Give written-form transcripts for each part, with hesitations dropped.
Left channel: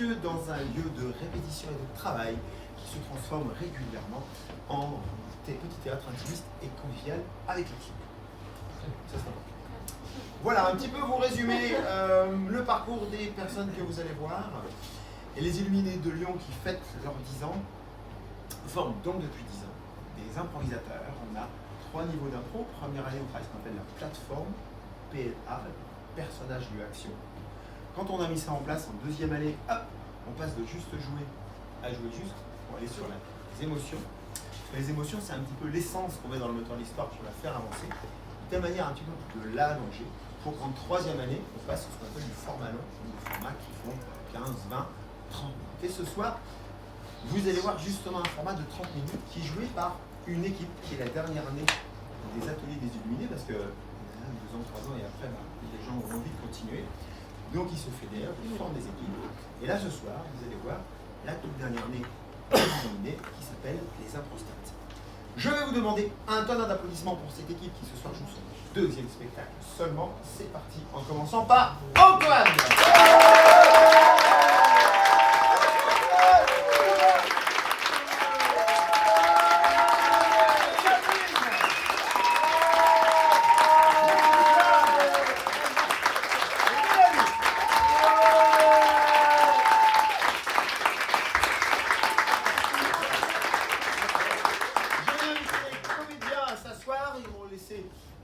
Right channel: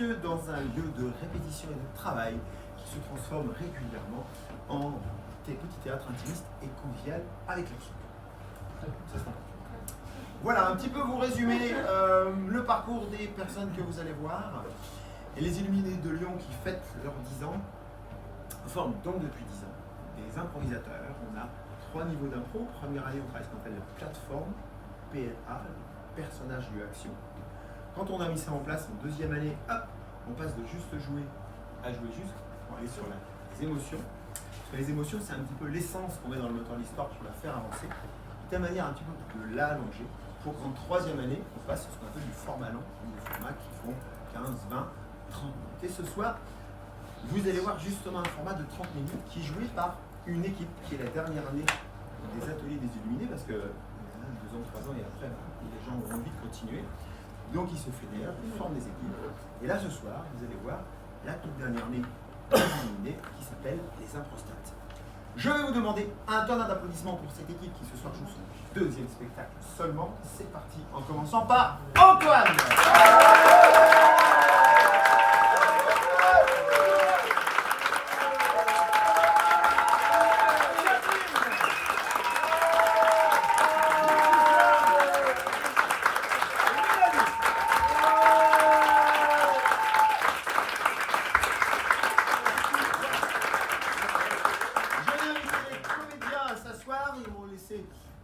messieurs, dans un lieu de répétition et de travail qui se transforme régulièrement en petit théâtre intimiste et convivial avec l'équipe. Ça, c'est important. Voilà, un petit peu vous résumer le parcours des personnes que vous allez voir. Et les Illuminés de Lyon qui fêtent leurs 10 ans forment donc depuis 10 ans des improvisateurs. On a 3 niveaux d'impro. Première année, on travaille ce qu'on appelle la plateforme, PLA, personnage, lieu, action. Quand on a mis ça en place en deuxième année, hop, on passe de juste jouer à jouer juste pour aller sur les émotions. Et les émotions, c'est un petit peu l'essence qu'on met dans le moteur de l'histoire pour la faire avancer, de telle manière un petit peu de l'allonger, pour qu'en troisième année, on passe sur ce qu'on appelle du format long, donc des formats qui font 15, 20, 30 minutes. Et ce soir, vous allez voir justement un format de 30 minutes qui est joué par une équipe qui est la dernière année des ateliers des Illuminés, parce que 2 ans, 3 ans et après, les gens ont envie de continuer. Donc ils se fédèrent, ils forment des équipes. Et là ce soir, vous allez voir la toute dernière année des Illuminés qui s'appelle les Improstats. Je vais vous demander un tonnerre d'applaudissements pour cette équipe qui ce soir joue son deuxième spectacle seulement. C'est parti, en commençant par Antoine.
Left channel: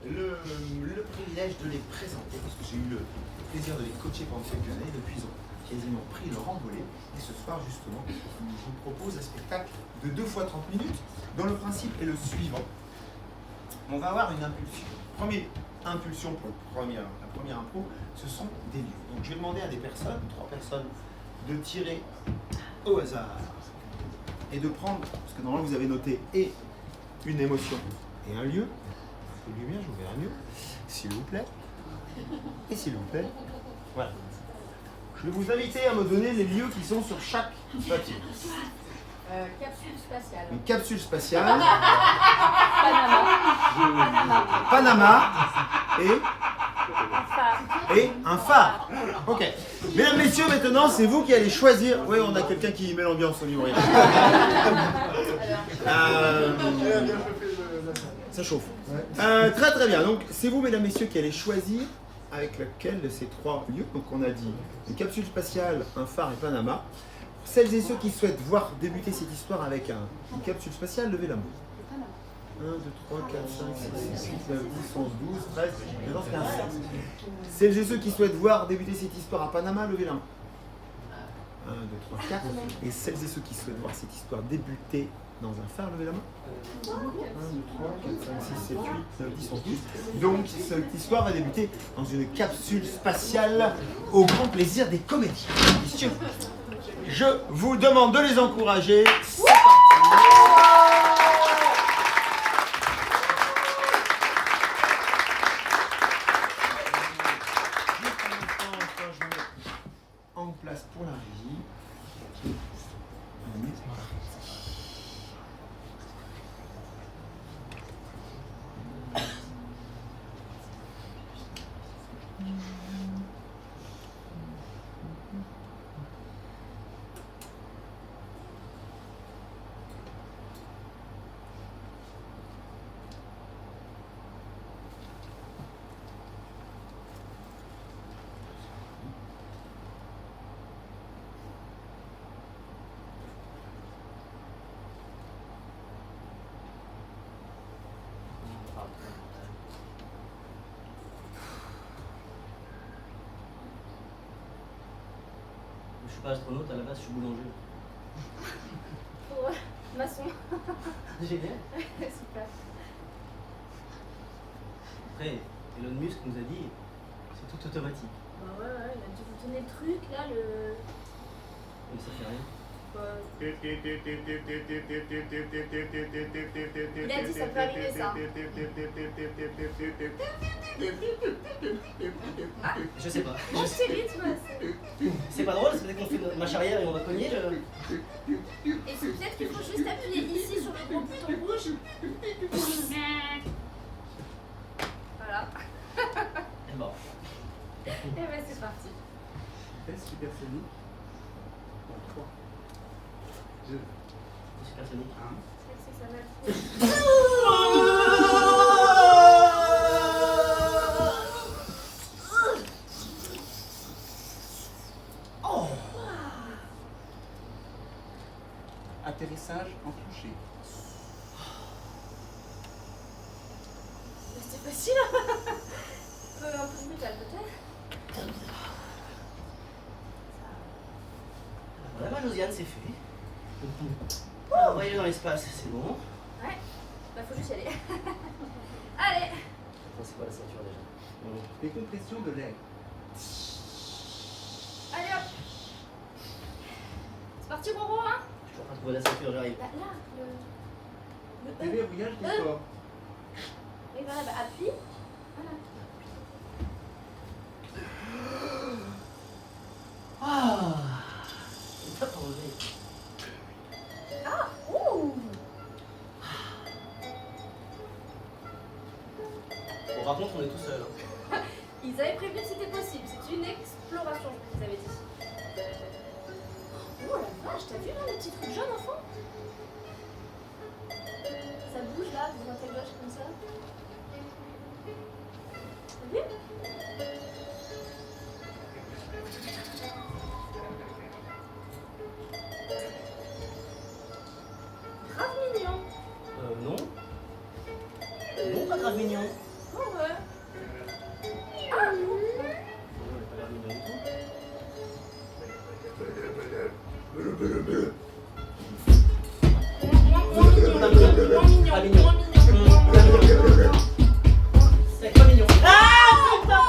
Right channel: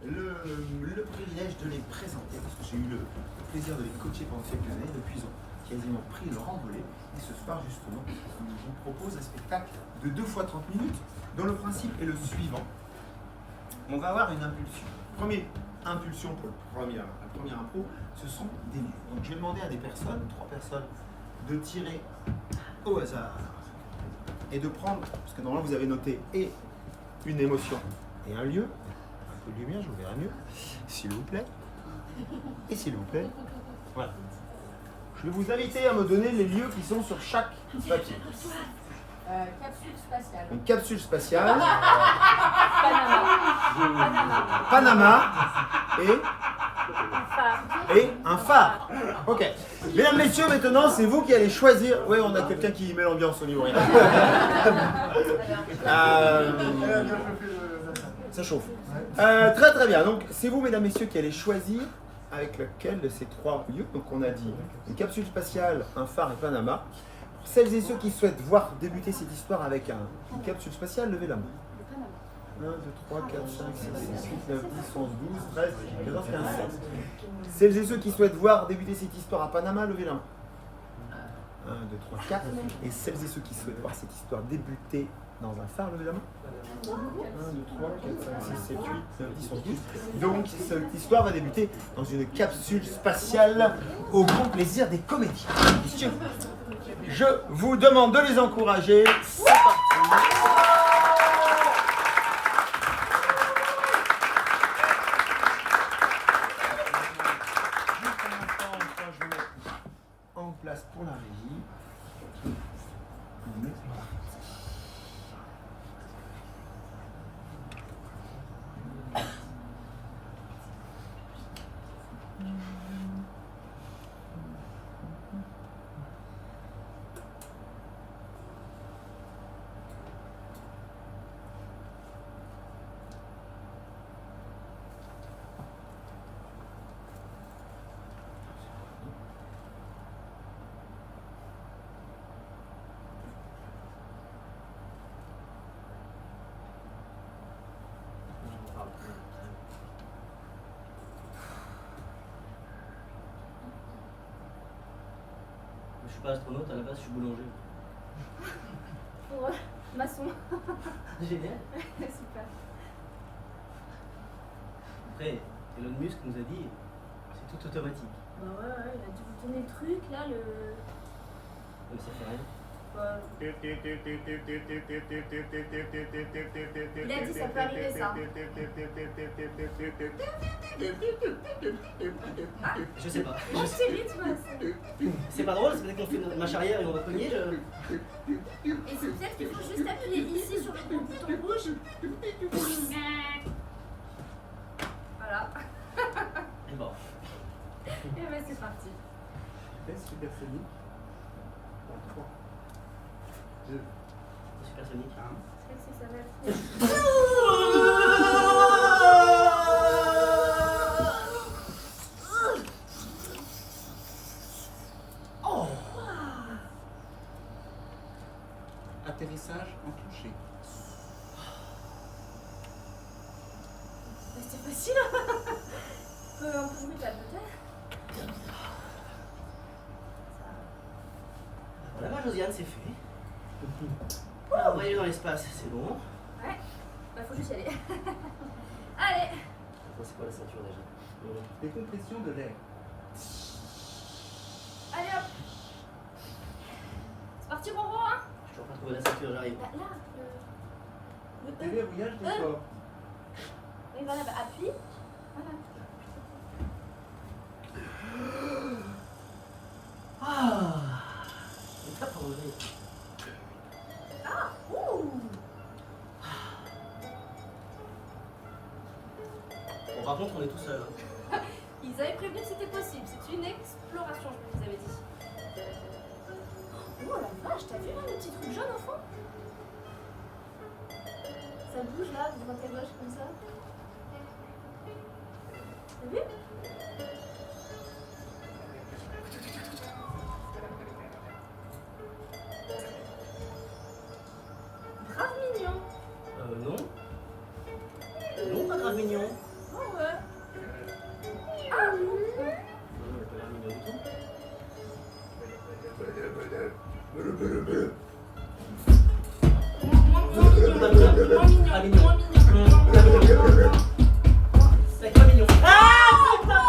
Le privilège de les présenter, parce que j'ai eu le plaisir de les coacher pendant quelques années, depuis ils ont quasiment pris leur envolée. Et ce soir, justement, je vous propose un spectacle de 2 fois 30 minutes, dont le principe est le suivant. On va avoir une impulsion. Première impulsion pour la première impro, ce sont des lieux. Donc je vais demander à des personnes, 3 personnes, de tirer au hasard et de prendre, parce que normalement vous avez noté et une émotion et un lieu. De lumière, je vous verrai mieux, s'il vous plaît. Et s'il vous plaît, voilà. Je vais vous inviter à me donner les lieux qui sont sur chaque papier. Capsule spatiale. Une capsule spatiale. Panama. Panama et un phare. Ok. Mesdames, messieurs, maintenant, c'est vous qui allez choisir. Oui, on a quelqu'un qui met l'ambiance au niveau rien. Ça chauffe. Très très bien. Donc c'est vous, mesdames, messieurs, qui allez choisir avec lequel de ces 3 lieux. Donc on a dit une capsule spatiale, un phare et Panama. Pour celles et ceux qui souhaitent voir débuter cette histoire avec une capsule spatiale, levez la main. 1, 2, 3, 4, 5, 6, 7, 8, 9, 10, 11, 12, 13, 14, 15, 16. Celles et ceux qui souhaitent voir débuter cette histoire à Panama, levez la main. 1, 2, 3, 4. Et celles et ceux qui souhaitent voir cette histoire débuter dans un phare, levez la main. 1, 2, 3, 4, 5, 6, 7, 8, 9, 10, 11, 12. Donc cette histoire va débuter dans une capsule spatiale au grand plaisir des comédiens. Messieurs, je vous demande de les encourager. C'est parti. Juste un instant, je vais mettre en place pour la régie. On est parti. Je suis pas astronaute, à la base je suis boulanger. Oh, maçon. Génial. Super. Après, Elon Musk nous a dit, c'est tout automatique. Bah ouais, il a dû vous donner le truc là, le. Mais ça fait rien. Il a dit ça peut arriver ça. Je sais pas. Bon, c'est rythme. C'est pas drôle, c'est peut-être qu'on fait ma charrière et on va cogner. Et c'est peut-être qu'il faut juste appuyer ici sur le gros bouton rouge. Voilà. Bon. Et ben c'est parti. Test supersonique. Supersonique. C'est vrai que ça va être... Oh. Atterrissage enclenché. C'était facile. Un peu brutal peut-être. Voilà, ma Josiane, c'est fait. Alors, voyez dans l'espace, c'est bon. Ouais. Bah faut juste y aller. Allez. Attends, c'est quoi la ceinture déjà? Décompression de l'air. Allez hop. C'est parti Roro hein. Je suis en train de trouver la ceinture, j'arrive. Là, le... Déverrouillage des corps. Oui voilà, bah appuie. Voilà. Ah, il est pas tombé. Ah, ouh. Bon, par contre, on est tout seul. Hein. Ils avaient prévu que c'était possible, c'est une exploration, je vous avais dit. Oh la vache, t'as vu là le petit truc jaune au fond? Ça bouge là, de droite à gauche comme ça. T'as vu? Grave mignon. Non. Non, pas grave mignon. Oh ouais. Ah non. Non, il est pas grave mignon du tout. Moins mignon. C'est pas mignon. Ah putain,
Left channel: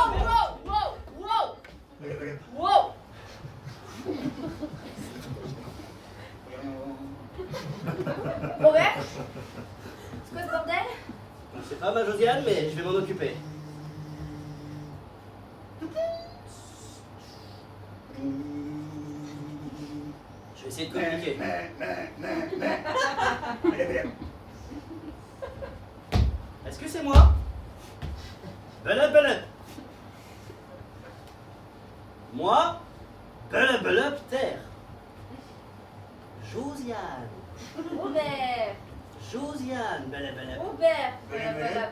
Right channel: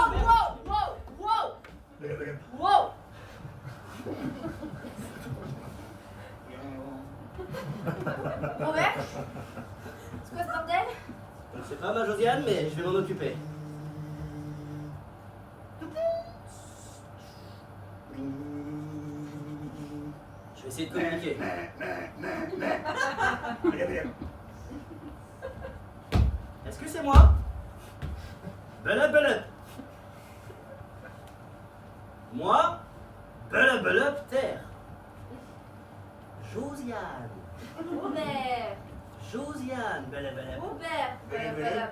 wow. Robert, c'est quoi ce bordel? Je ne sais pas, ma Josiane, mais je vais m'en occuper. Je vais essayer de communiquer. Est-ce que c'est moi? Belep. Moi, belep terre. Josiane. Robert, Josiane, belep. Robert, voilà.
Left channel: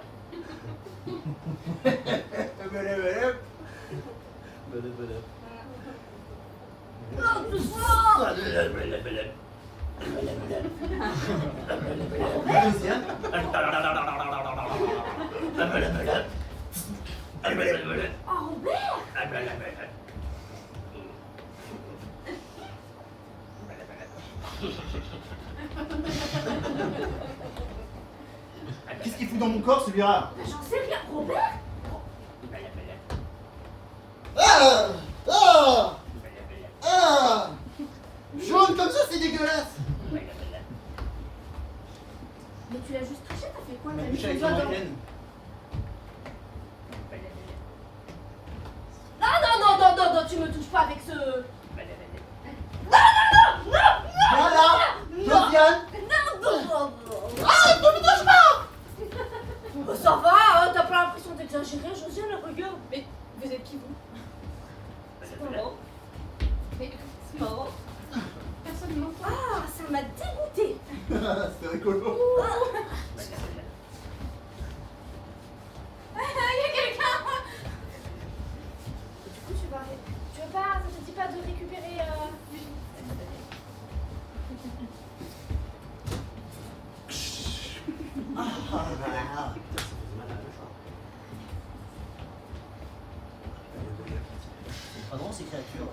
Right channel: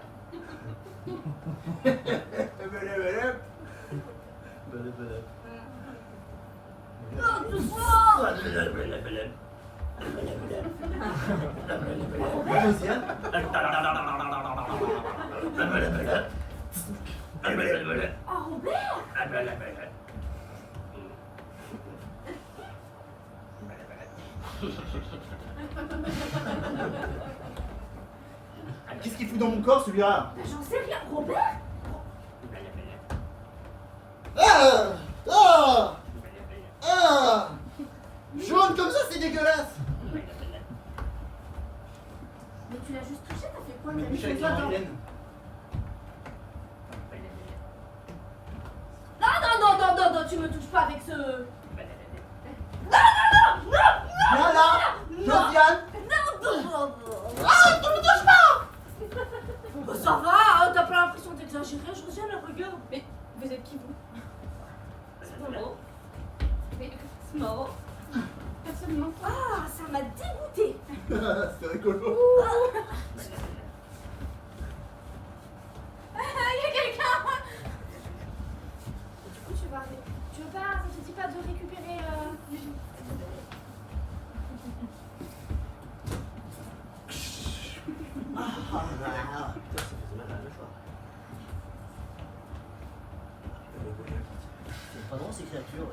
Belep. Non, doucement. Josiane. Oh Robert. Qu'est-ce qu'il fout dans mon corps celui-là? Bah, j'en sais rien, Robert. Ah ah ah jaune comme ça, c'est dégueulasse. Mais tu l'as juste touché, t'as fait quoi? Ma T'as mis bouche ton avec doigt la dans... moyenne. Non, tu me touches pas avec ce... Viens là, Josiane. Non. Ah, tu me touches pas. Bah, ça va, hein, t'as pas l'impression d'exagérer, Josiane, regarde. Mais vous êtes qui, vous? C'est marrant. Mais c'est marrant. Personne Ah, ça m'a dégoûté. C'est rigolo. Il y a quelqu'un. Du coup, tu veux pas, ça te dit pas de récupérer... Ah, putain, ça fait mal à la mâchoire. C'est pas drôle ces créatures.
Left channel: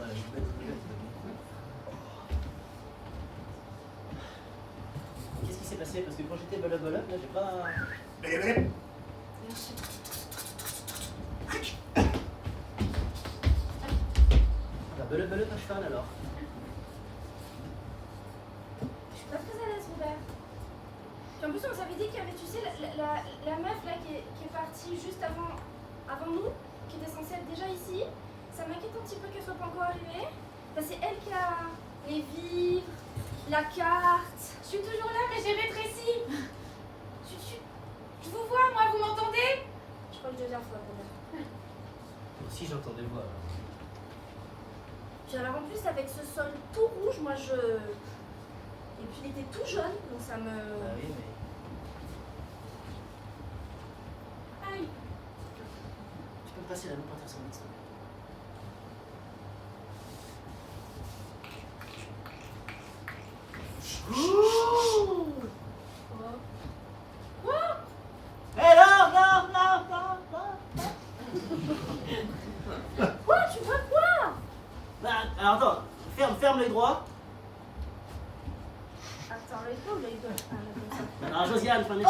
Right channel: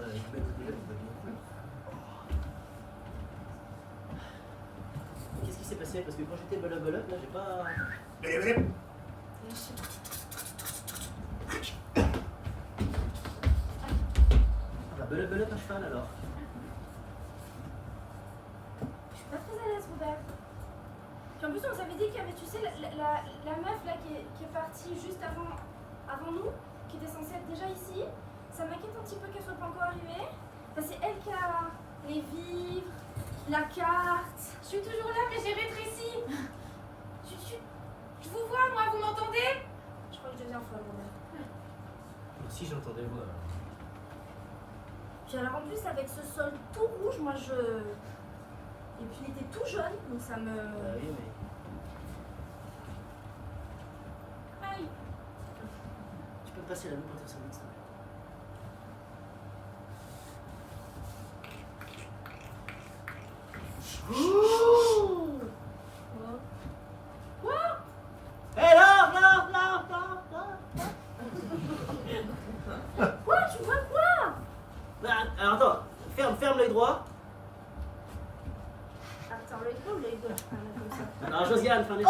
Qu'est-ce qui s'est passé? Parce que quand j'étais belep, là j'ai pas. Ah, belep à cheval alors. Je suis pas très à l'aise, Robert. Puis en plus, on s'avait dit qu'il y avait, tu sais, la meuf là qui est partie juste avant nous, qui était censée être déjà ici. Ça m'inquiète un petit peu qu'elle soit pas encore arrivée. Enfin, c'est elle qui a les vivres, la carte. Je suis toujours là, mais j'ai rétréci. Je vous vois, moi, vous m'entendez? Je crois que deuxième fois, Robert. Si j'entendais moi. Puis alors en plus, avec ce sol tout rouge, moi je Et puis il était tout jeune, donc ça me... Bah oui, mais. Aïe. Tu peux me passer la loupe pour dire ça, médecin. Quoi? Hé, non, non, non, non, non. Quoi? Tu vois quoi? Bah, alors attends, ferme l'œil droit. Attends, l'œil gauche ou l'œil gauche? Ah, là, comme ça. Alors Josiane, fin des. Oh!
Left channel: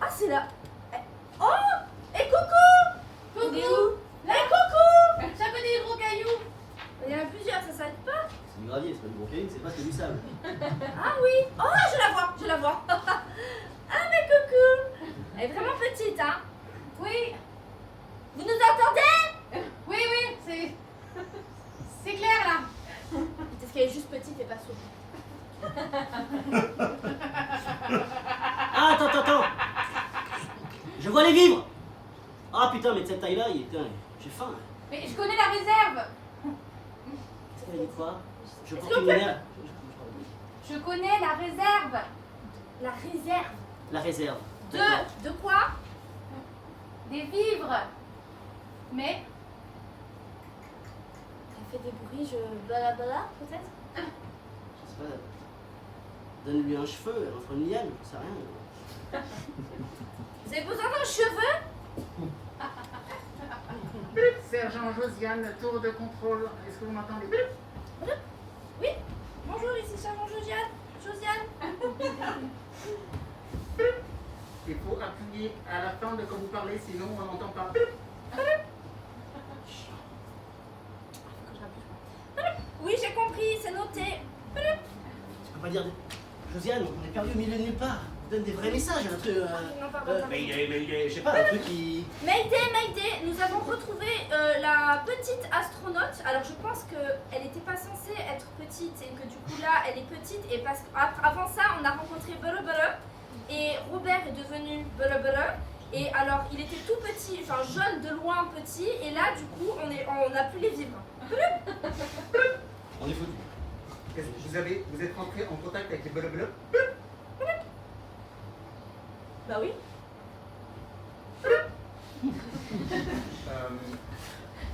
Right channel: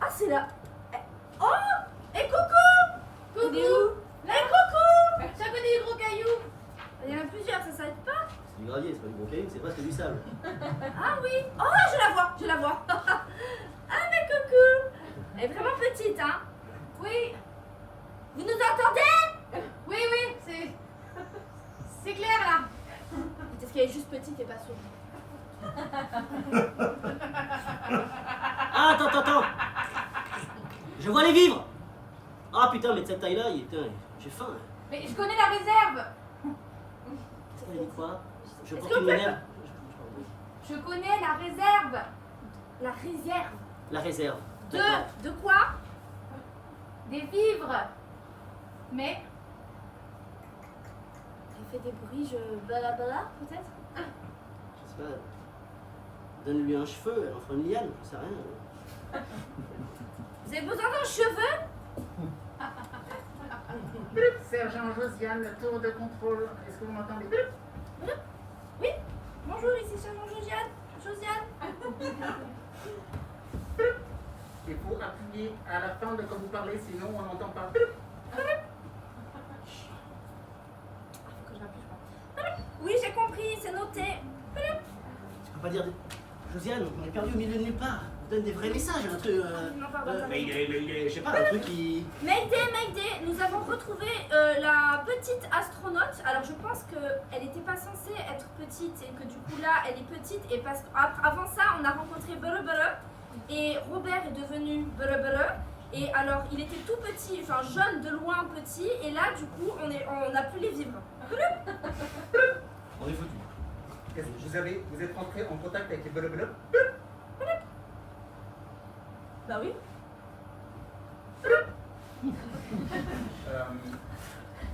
Ah, c'est là. Oh! Et coucou! Il est Coucou! où? Et coucou! Ça connaît les gros cailloux. Il y en a plusieurs, ça s'arrête pas? C'est du gravier, c'est pas du bon caillou, c'est presque du sable. Ah oui! Oh, je la vois, je la vois. Ah, mais coucou! Elle est vraiment petite, hein? Oui, Vous nous entendez? oui, c'est clair là. Peut-être qu'elle est juste petite et pas sourde. Ah, attends. Je vois les vivres. Ah putain, mais de cette taille-là, j'ai faim. Mais je connais la réserve. Elle dit quoi? Je porte Est-ce une que- minerve. Je connais la réserve. La réserve. La réserve. D'accord. De quoi? Des vivres. Mais Elle fait des bruits, je... Balabala, peut-être? Je sais pas. Donne-lui un cheveu, elle en fera une liane, je sais rien. Vous avez besoin d'un cheveu? Sergent Josiane, tour de contrôle. Est-ce que vous m'entendez? Oui? Bonjour, ici Sergent Josiane. Il faut appuyer à la fin de quand vous parlez, sinon on n'entend pas. Oui, j'ai compris, c'est noté. Tu peux pas dire. Josiane, on est perdu au milieu de nulle part. Donne des vrais messages, un truc. Non, pardon. Je sais pas, un truc qui. Mayday, nous avons retrouvé la petite astronaute. Alors je pense qu'elle n'était pas censée être petite et que du coup là elle est petite et parce qu'avant ça on a rencontré Bolo et Robert est devenu Bolo et alors il était tout petit, enfin jeune de loin petit et là du coup on n'a plus les vivres. On est foutu. Est-ce que vous êtes rentré en contact avec les bolobolops? Bah oui.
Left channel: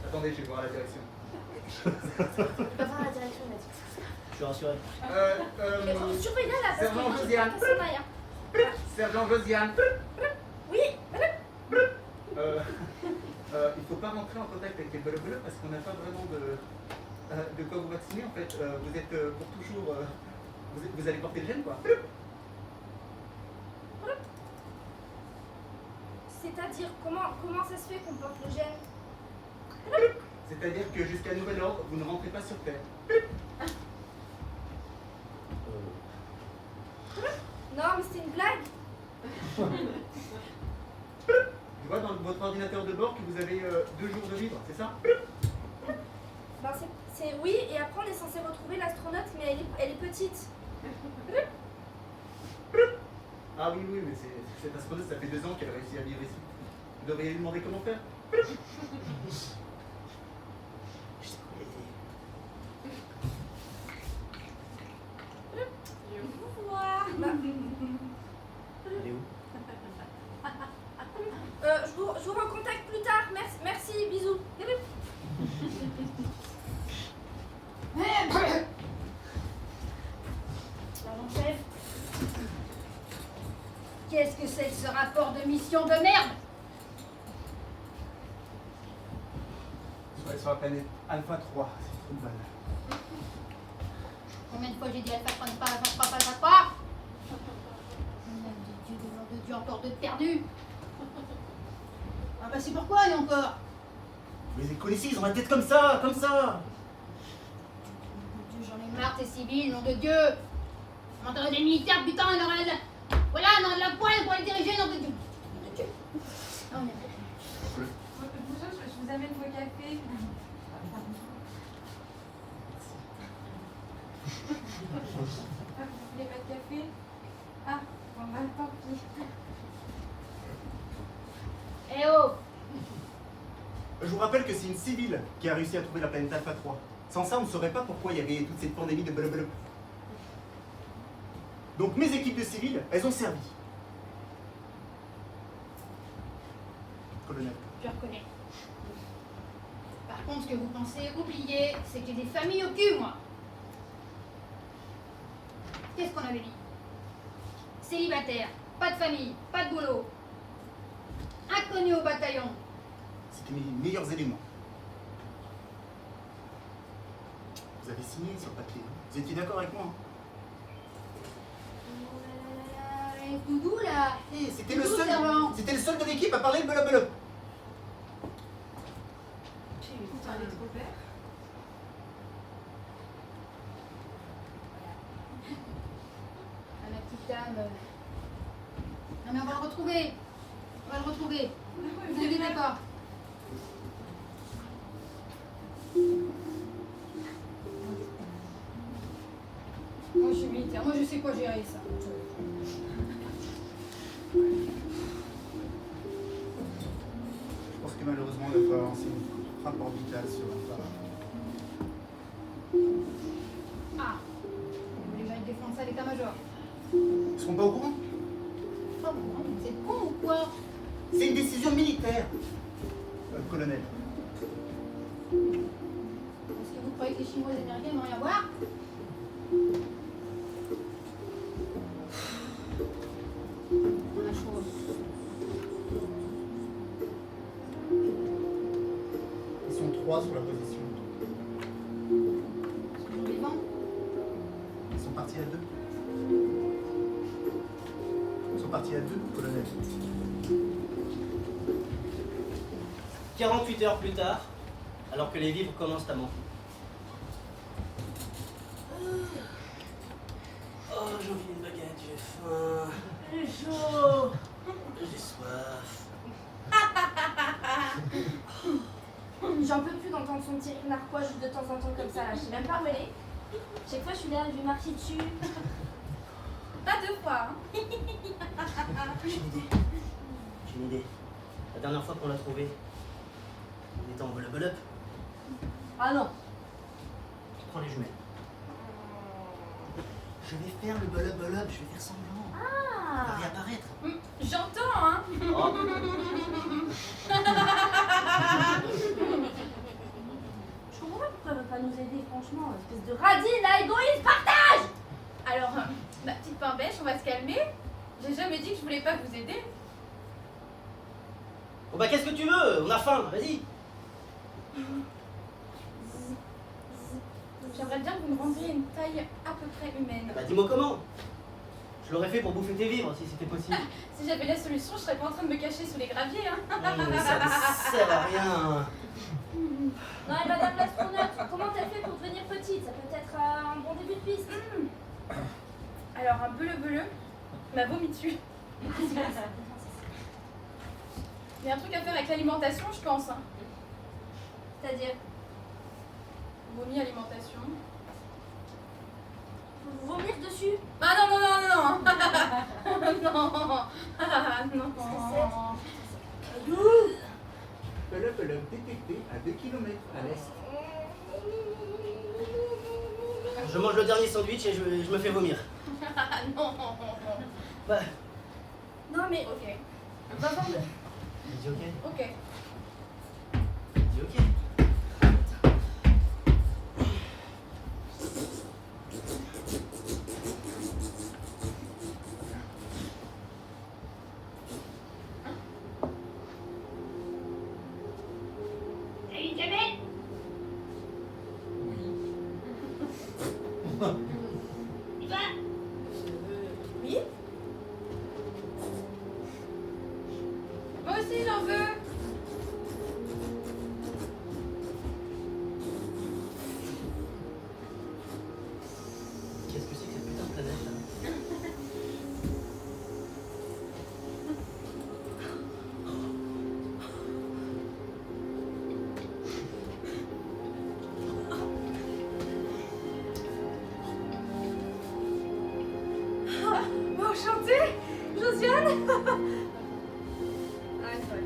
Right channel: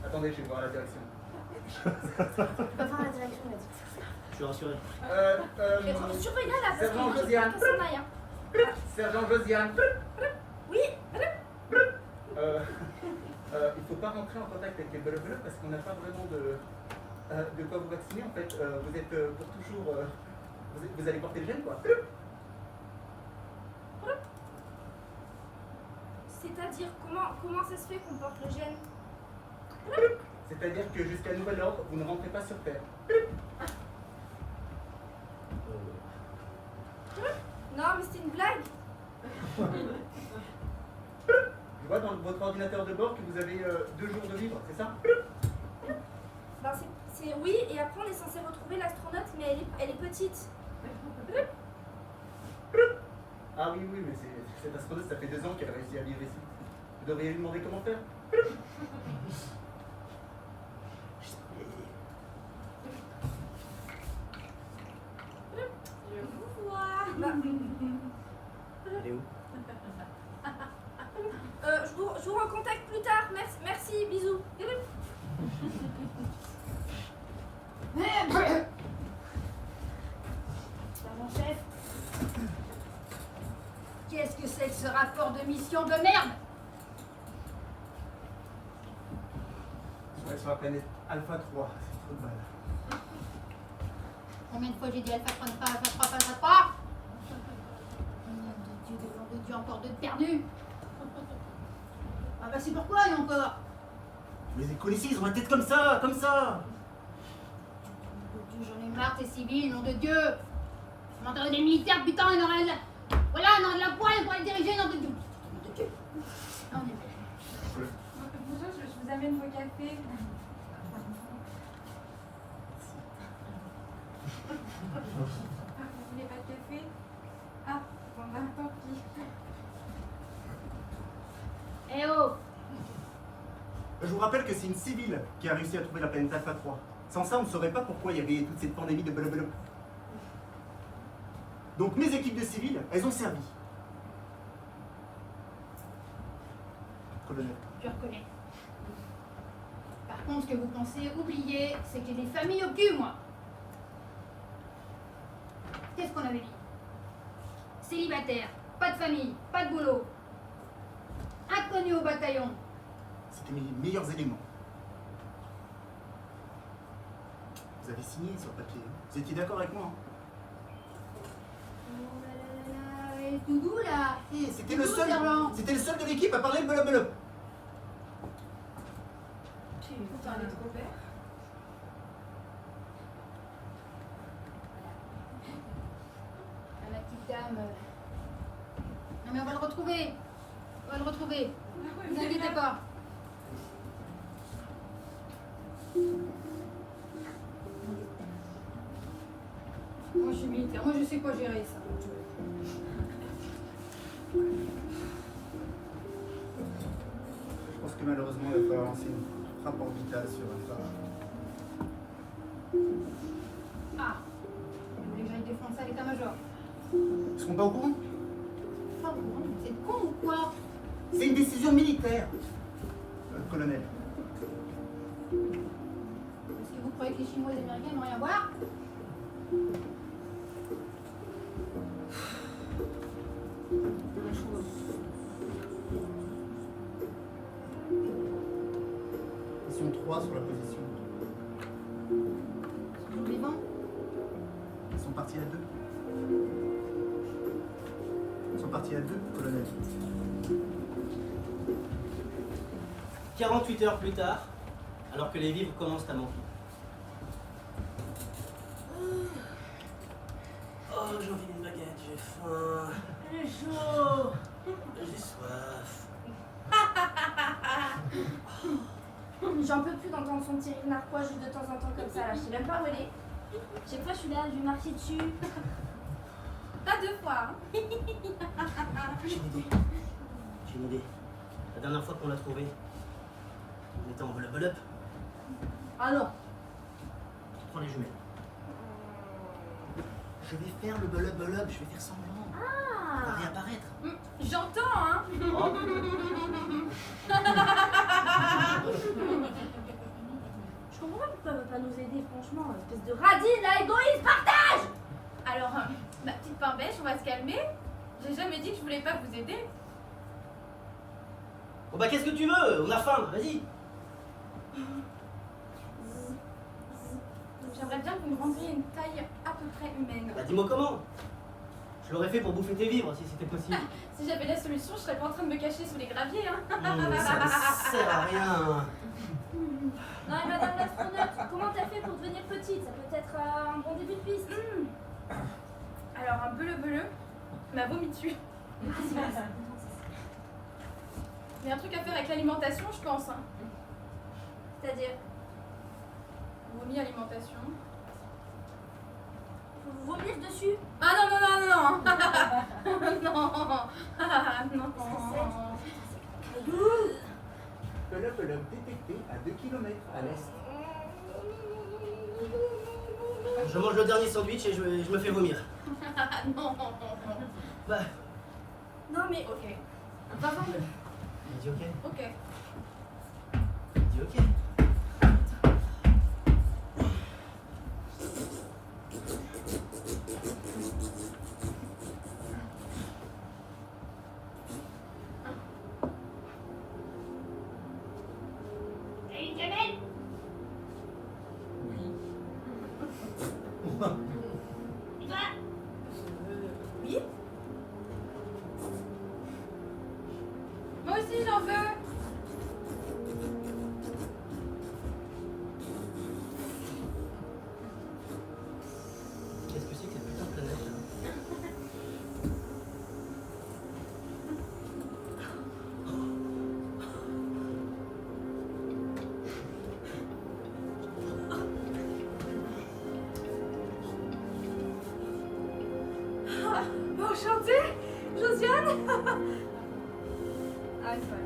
Attendez, je vais voir la direction. Je peux voir la direction là. Je suis rassuré. Surveille-la là parce Sergent que Josiane. personne n'a rien. Sergent Josiane. Oui, Il faut pas rentrer en contact avec les bolobolops parce qu'on n'a pas vraiment de quoi vous vacciner en fait. Vous êtes pour toujours. Vous allez porter le gène quoi. c'est-à-dire comment ça se fait qu'on porte le gène? C'est-à-dire que jusqu'à nouvel ordre, vous ne rentrez pas sur Terre. Non mais c'est une blague. Je vois dans votre ordinateur de bord que vous avez 2 jours de vivre, c'est ça? Ben oui, et après on est censé retrouver l'astronaute, mais elle est petite. Ah oui, mais cette astronaute, ça fait 2 ans qu'elle a réussi à vivre ici. Vous devriez lui demander comment faire. Je vous vois. Elle est où? Je vous recontacte plus tard. Merci, bisous. mon chef. Qu'est-ce que c'est que ce rapport de mission de merde? Sur la planète Alpha 3, c'est trop de balles. Combien de fois j'ai dit Alpha 3, pas Alpha 3, pas Alpha 3? Nom de Dieu, encore de perdu. Ah bah c'est pourquoi et encore? Mais les connaissez, ils ont la tête comme ça, comme ça. Nom de Dieu, j'en ai marre, t'es civil, nom de Dieu. M'entendez des militaires, putain, ils ont rien de... Voilà, ils ont de la poêle pour les diriger, nom de Dieu. Nom de Dieu. Ah, on est bon. Bonjour, je vous amène vos cafés. Vous voulez pas de café? Ah, bon bah tant pis. Eh oh! Je vous rappelle que c'est une civile qui a réussi à trouver la planète Alpha 3. Sans ça, on ne saurait pas pourquoi il y avait toute cette pandémie de blablabla. Donc mes équipes de civils, elles ont servi. Colonel. Je reconnais. Par contre, ce que vous pensez oublier, c'est que j'ai des familles au cul, moi. Qu'est-ce qu'on avait dit? Célibataire, pas de famille, pas de boulot. Inconnu au bataillon. C'était mes meilleurs éléments. Vous avez signé sur papier. Hein. Vous étiez d'accord avec moi. Hein. Oh là là là là, tout doux là. Eh, c'était Tout le doux, seul. servant. C'était le seul de l'équipe à parler le belop. Vous parlez trop vert. Ah, ma petite dame. Non mais on va le retrouver. On va le retrouver. Ne vous inquiétez pas. Moi je suis militaire, moi je sais quoi gérer ça. Je pense que malheureusement, il va falloir lancer une frappe orbitale sur un phare. Ah, vous voulez que j'aille défendre ça à l'état-major? Ils seront pas au courant? Ah bon, c'est con ou quoi? C'est une décision militaire. Colonel. Est-ce que vous croyez que les Chinois et les Américains n'ont rien à voir? La chose. Ils sont 3 sur la position. Sur les vents. Ils sont partis à 2. Ils sont partis à 2, colonel. 48 heures plus tard, alors que les vivres commencent à monter. Oh, j'ai envie d'une baguette, j'ai faim. Il est chaud. J'ai soif. J'en peux plus d'entendre son petit rire narquois juste de temps en temps comme ça là. Je sais même pas où elle est. Chaque fois je suis là, je lui marcher dessus. Pas 2 fois. Hein. J'ai une idée. J'ai une idée. La dernière fois qu'on l'a trouvé, on était en bolop. Ah non. Prends les jumelles. Je vais faire le bolop, je vais faire semblant. Ah. Il va réapparaître. J'entends, hein. Je comprends pas pourquoi elle veut pas nous aider, franchement. Espèce de radine là, égoïste, partage. Alors, ma petite pain bêche, on va se calmer. J'ai jamais dit que je voulais pas vous aider. Bon bah qu'est-ce que tu veux? On a faim, vas-y. J'aimerais bien que vous me rendiez une taille à peu près humaine. Bah dis-moi comment. Je l'aurais fait pour bouffer tes vivres si c'était possible. Si j'avais la solution, je serais pas en train de me cacher sous les graviers. Hein. Ça ne sert à rien. Non, et madame l'astronaute, comment t'as fait pour devenir petite? Ça peut être un bon début de piste. Alors, un beleu m'a vomi dessus. Il y a un truc à faire avec l'alimentation, je pense. Hein. C'est-à-dire, Vomi, alimentation. faut vous vomir dessus. Ah non, non, non, non, non. Non. Ah, non. Belop détecté à 2 km à l'est. Je mange le dernier sandwich et je me fais vomir. Ah non. Bah, Non mais, Ok, va voir le... dis ok. ok. Dis ok. Salut Jamel. Et toi? Oui. Moi aussi, j'en veux. Qu'est-ce que c'est que cette putain de planète là? Enchantée, Josiane. Ah, c'est vrai.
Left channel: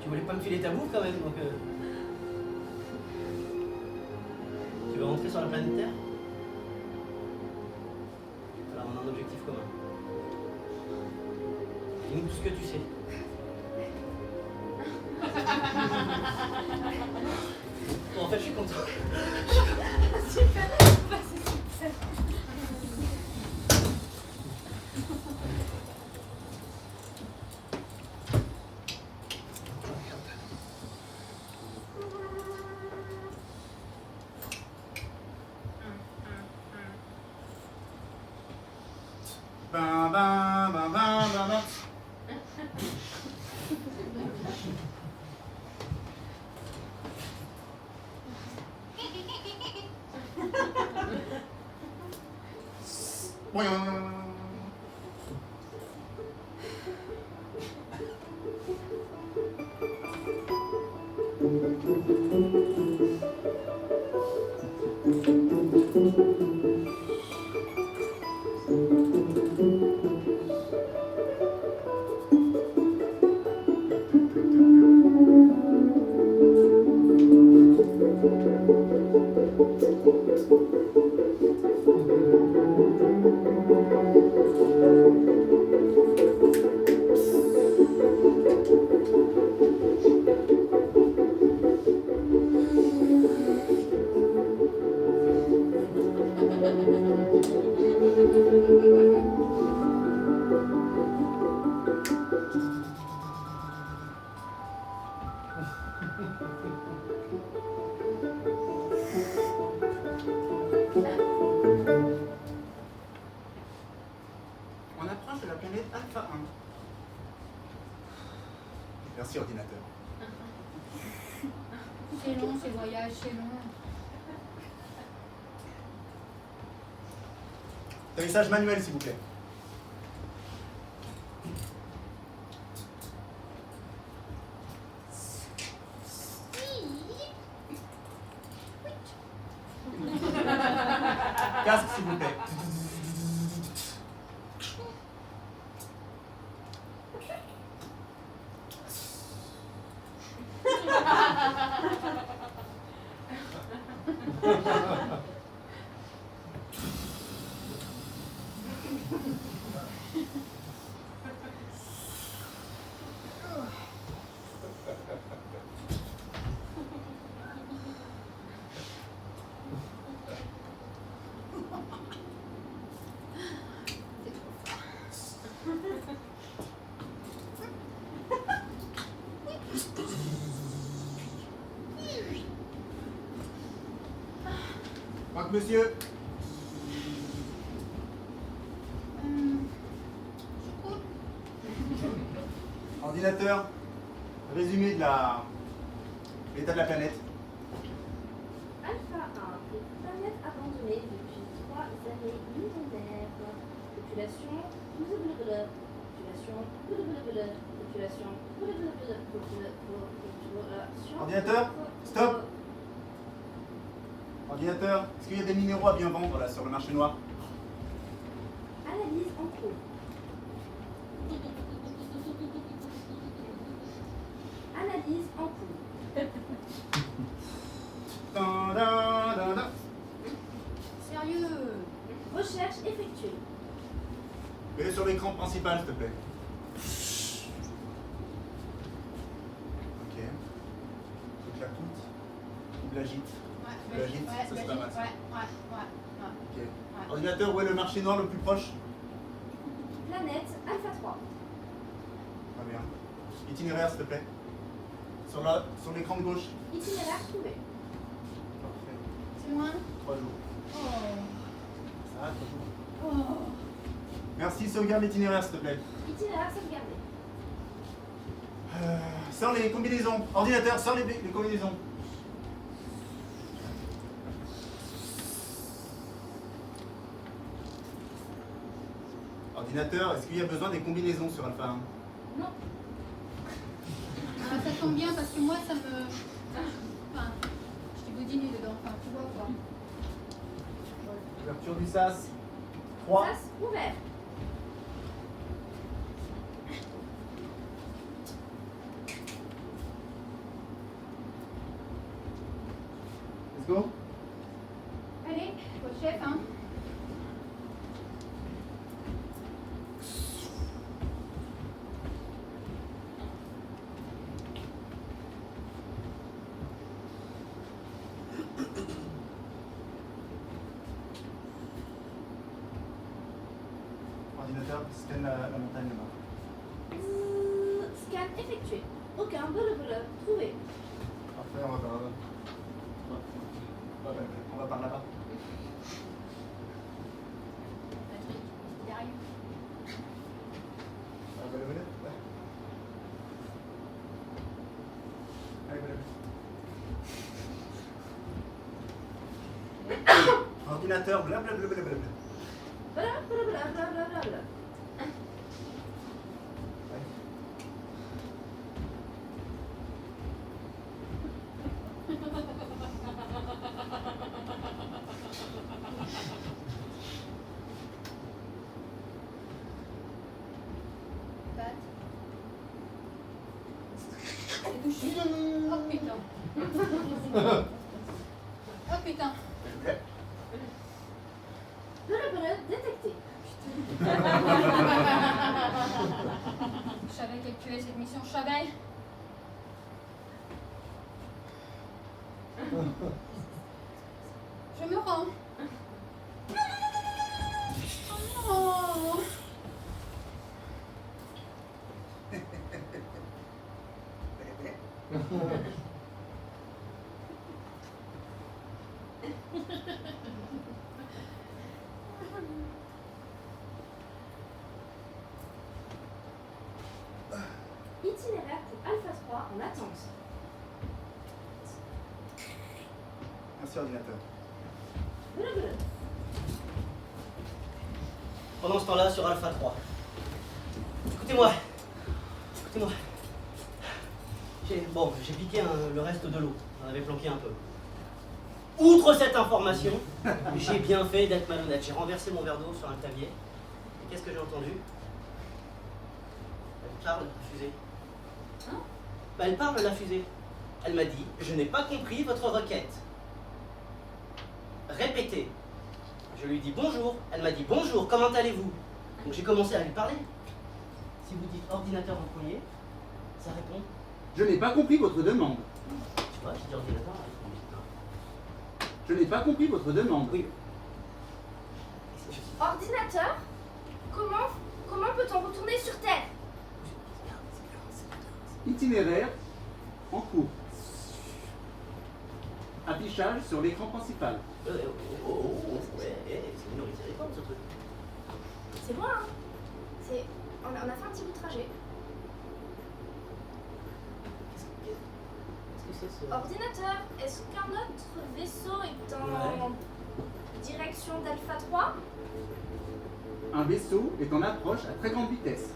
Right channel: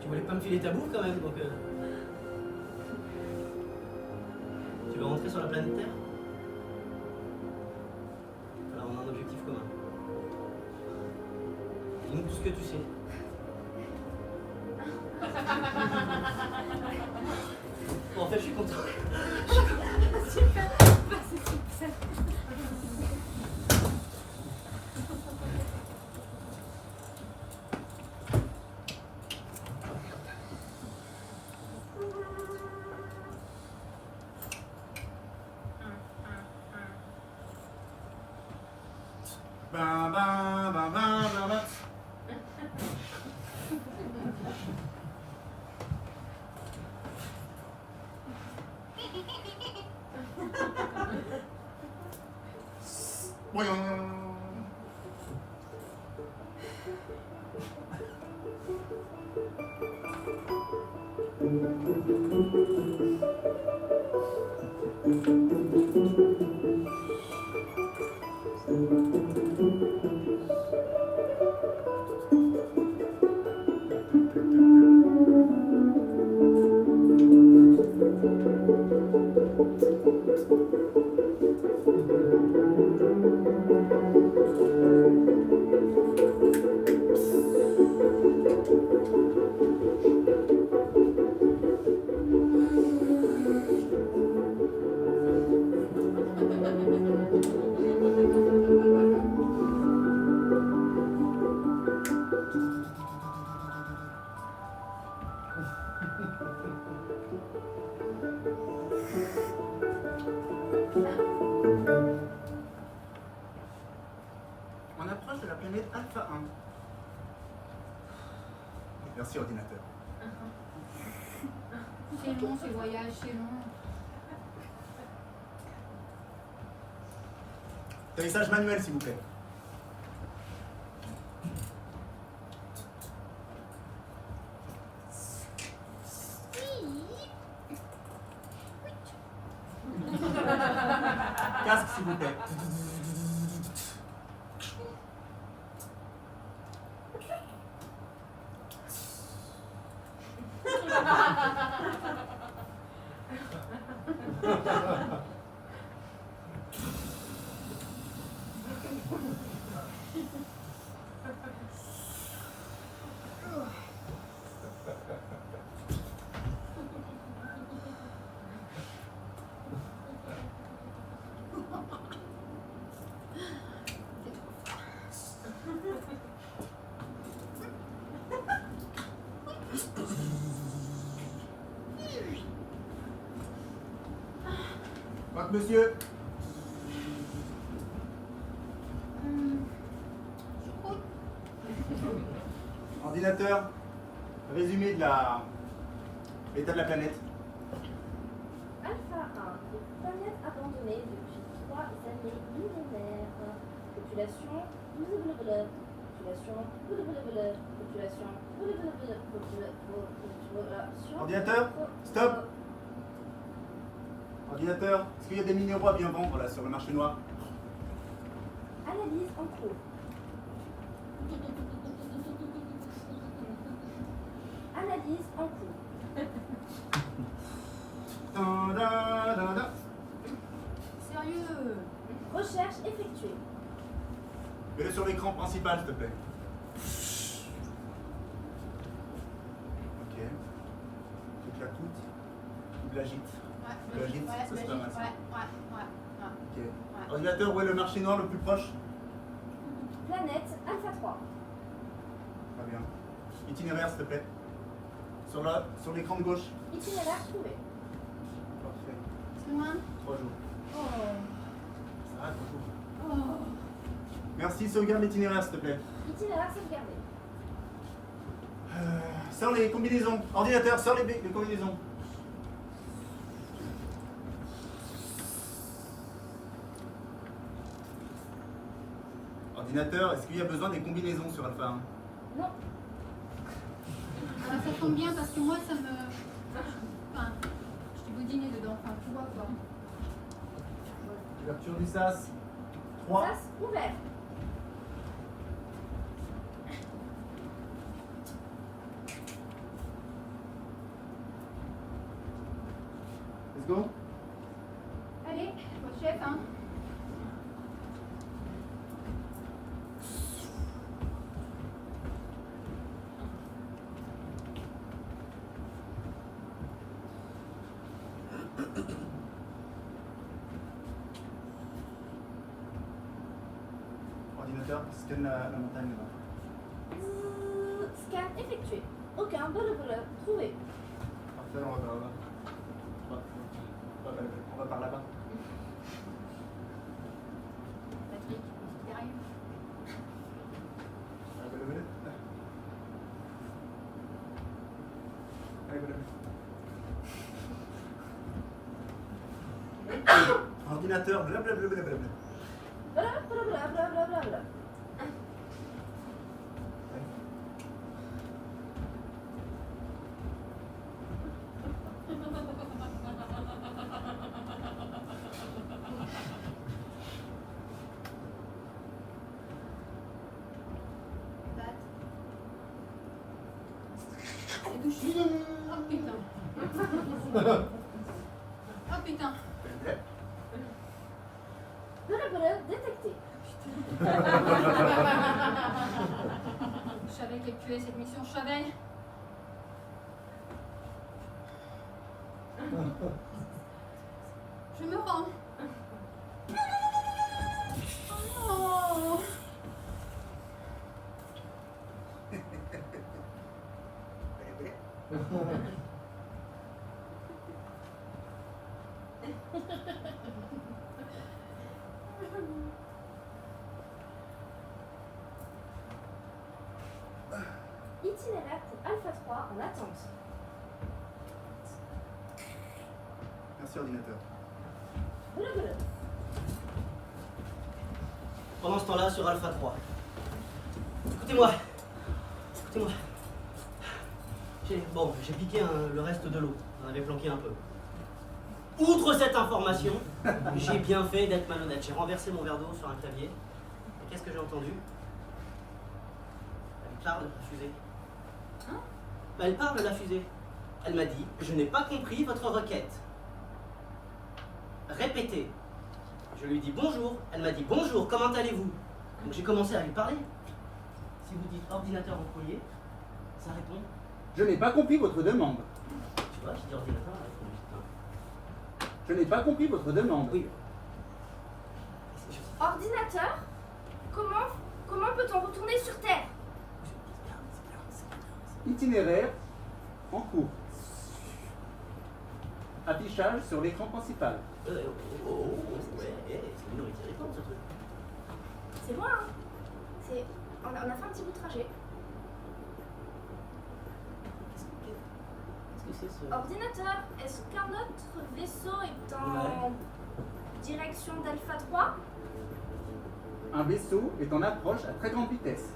Tu voulais pas me filer ta bouffe quand même, donc tu veux rentrer sur la planète Terre? Dis-nous tout ce que tu sais. Bon, en fait, je suis content. Super. Bam, bam, bam, bam, bam, bam. Boing. On approche de la planète Alpha 1. Merci ordinateur. C'est long, ces voyages, c'est long. Atterrissage manuel, s'il vous plaît. Casque, s'il vous plaît. Croque, monsieur. Ordinateur, résumé de l'état de la planète. Alpha 1, planète abandonnée depuis 3 années millénaires. Population, blablabla. Population, blablabla. Population, blablabla. Population. Ordinateur, stop. Ordinateur, est-ce qu'il y a des minéraux à bien vendre là sur le marché noir? Analyse en cours. Analyse en cours. Da, da, da, da. Sérieux? Recherche effectuée. Mets-le sur l'écran principal, s'il te plaît. Ok. Faut que je la coûte. Ou de l'agite. Ouais, L'agite, ouais, ça c'est pas mal. ça. ouais. Ok. Ordinateur, où est le marché noir le plus proche? Planète Alpha 3. Très bien. Itinéraire, s'il te plaît. Sur l'écran de gauche. Itinéraire trouvé. Parfait. C'est moi? 3 jours. Oh. Ça va, 3 jours. Oh. Merci, sauvegarde l'itinéraire, s'il te plaît. Itinéraire sauvegardé. Sors les combinaisons. Ordinateur, sors les combinaisons. Ordinateur, est-ce qu'il y a besoin des combinaisons sur Alpha 1? Non. Alors, ça tombe bien parce que moi, ça me. Enfin, je t'ai boudiné dedans, enfin, tu vois quoi. Ouverture du SAS. 3. Face ouvert. Let's go. Allez, votre chef, hein. Ordinateur, scanne la montagne là-bas. Scan effectué. Aucun bleu trouvé. Parfait, on va par là-bas. On va par là-bas. Patrick, derrière. Allez, bleu. Allez, bleu. Ordinateur, blablabla. Blablabla. Pat. C'est touché. Oh putain. Oh putain. Bleu détecté. Je savais qu'elle tuait cette mission, je savais. Je me rends. Oh non. Itinéraire pour Alpha 3 en attente. Merci, ordinateur. Bleu. Pendant ce temps-là, sur Alpha 3. Écoutez-moi. J'ai piqué le reste de l'eau. On avait planqué un peu. Outre cette information, j'ai bien fait d'être malhonnête. J'ai renversé mon verre d'eau sur un clavier. Et qu'est-ce que j'ai entendu? Elle parle, la fusée. Hein? Elle parle, la fusée. Elle m'a dit, je n'ai pas compris votre requête. Répétez. Je lui dis bonjour. Elle m'a dit bonjour, comment allez-vous? Donc j'ai commencé à lui parler. Si vous dites ordinateur en premier, ça répond. Je n'ai pas compris votre demande. Tu vois, je dis ordinateur. Je n'ai pas compris votre demande. Oui. Ordinateur, comment peut-on retourner sur Terre? Itinéraire en cours. Affichage sur l'écran principal. Ouais, c'est minoritaire, ce truc. C'est loin, hein. On a fait un petit bout de trajet. Qu'est-ce que c'est ce... Ordinateur, est-ce qu'un autre vaisseau est en direction d'Alpha 3? Un vaisseau est en approche à très grande vitesse.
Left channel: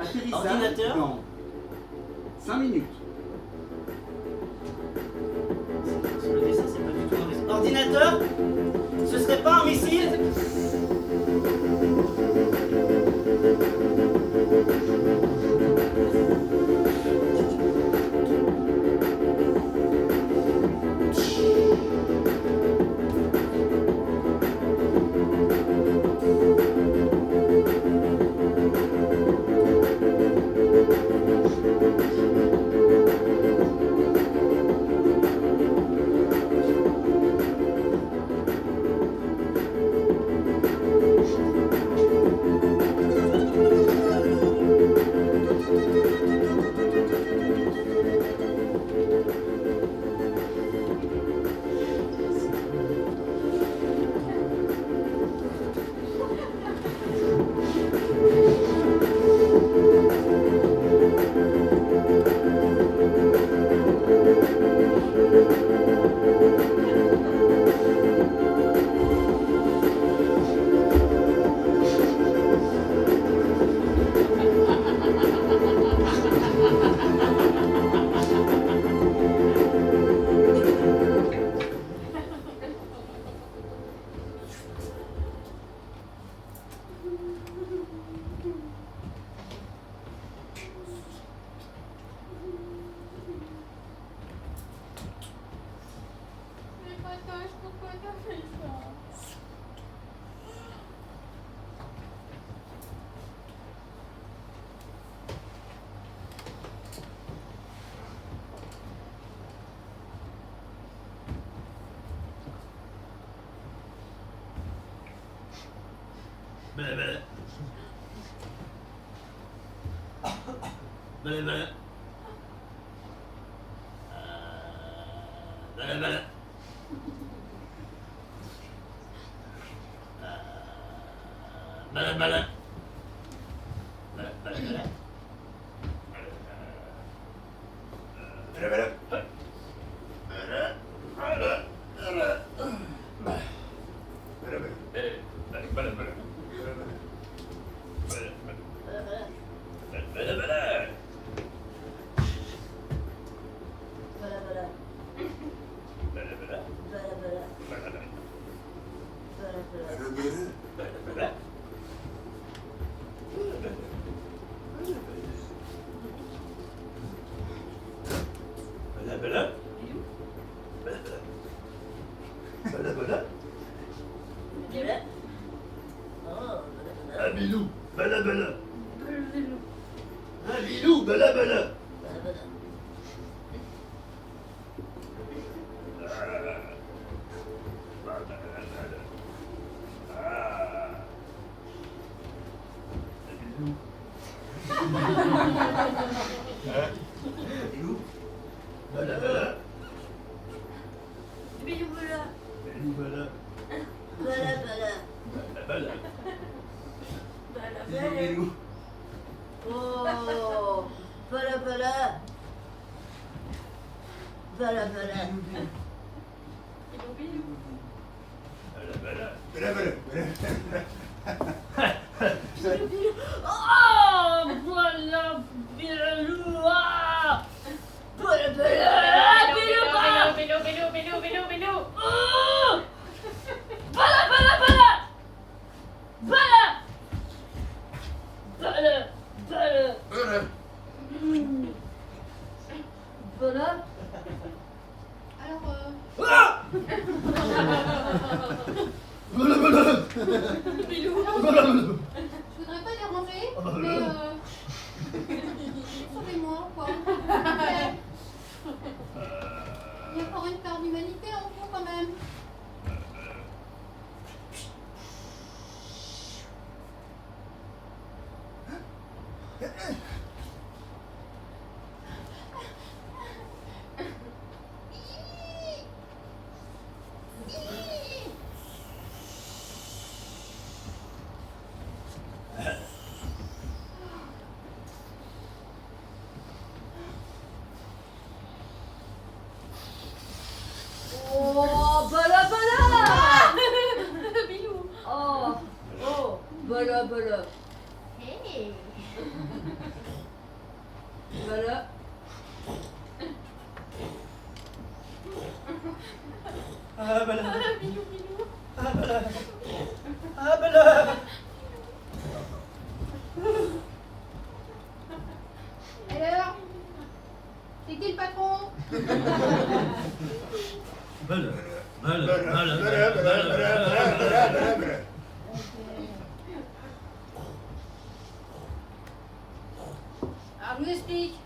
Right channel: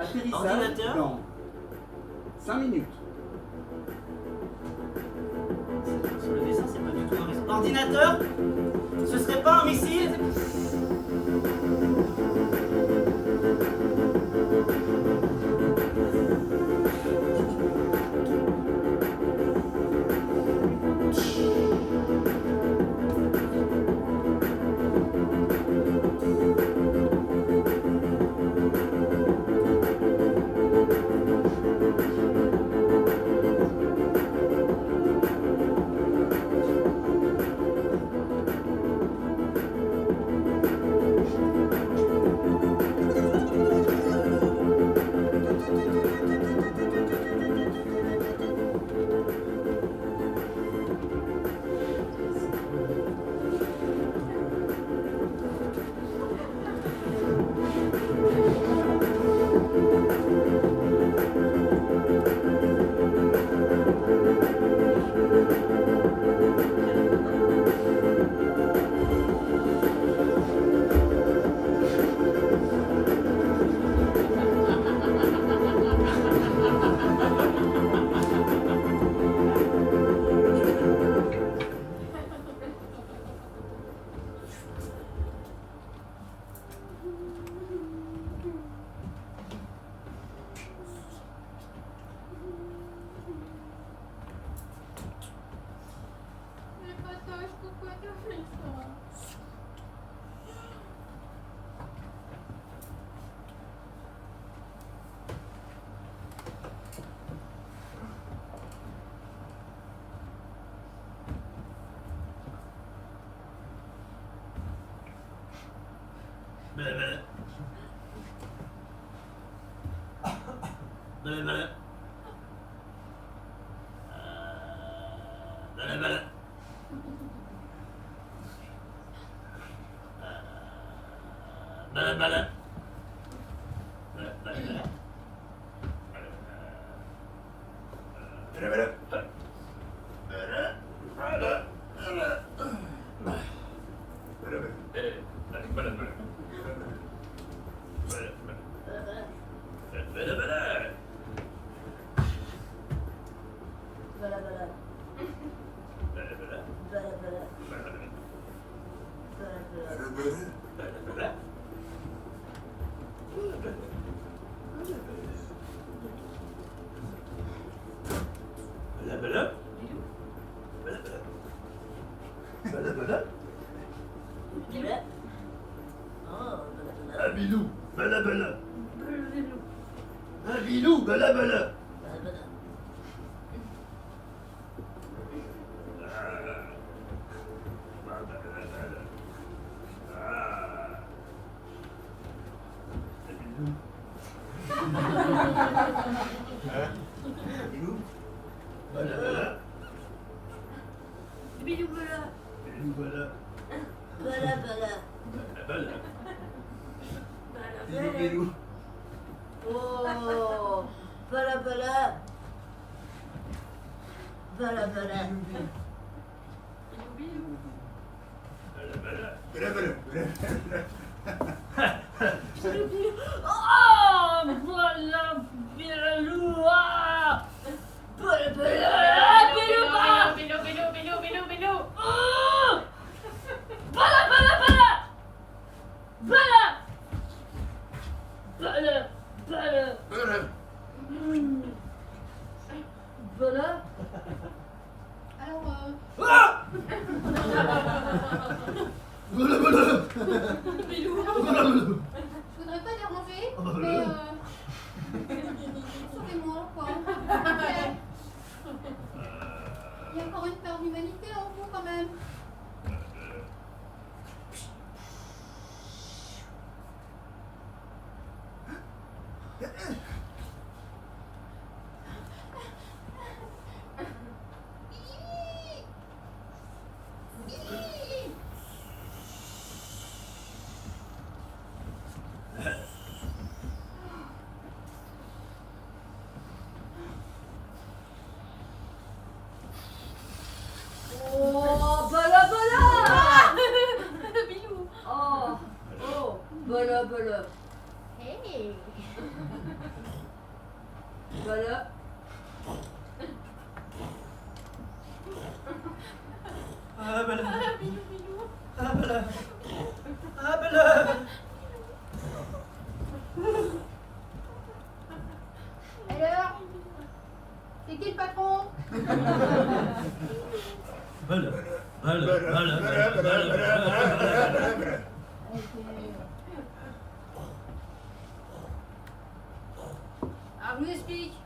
Atterrissage Ordinateur. dans 5 minutes. Sur le dessin, c'est pas du tout un vaisseau. Ordinateur, ce serait pas un missile? Bilou, bala bala. Un bilou, bala bala. Bilou, bala bala. Bilou bala. Bilou, bala. Bala bala. Bala. Bala Bilou, bilou. Oh, bala bala. Bala bala. Bala bala. Bala bala. Oh, voilà, Bilou. Ah, bala bala. Bilou. Oh, bala bala bala. Bala. Bala. Bala. Alors, Bala bala. Bilou. Bala bala. Je voudrais pas déranger, Oh, bah, mais là. sauvez-moi, quoi. Il y a encore une part d'humanité en vous, quand même. Oh, bala bala. Bilou. Oh, bala bala. Hey. Bala. Ah, bala. Bilou. Ah, bala. Ah, bala. Alors, c'est qui le patron? Bala. Bala. Bala. Bala. Alors, je vous explique.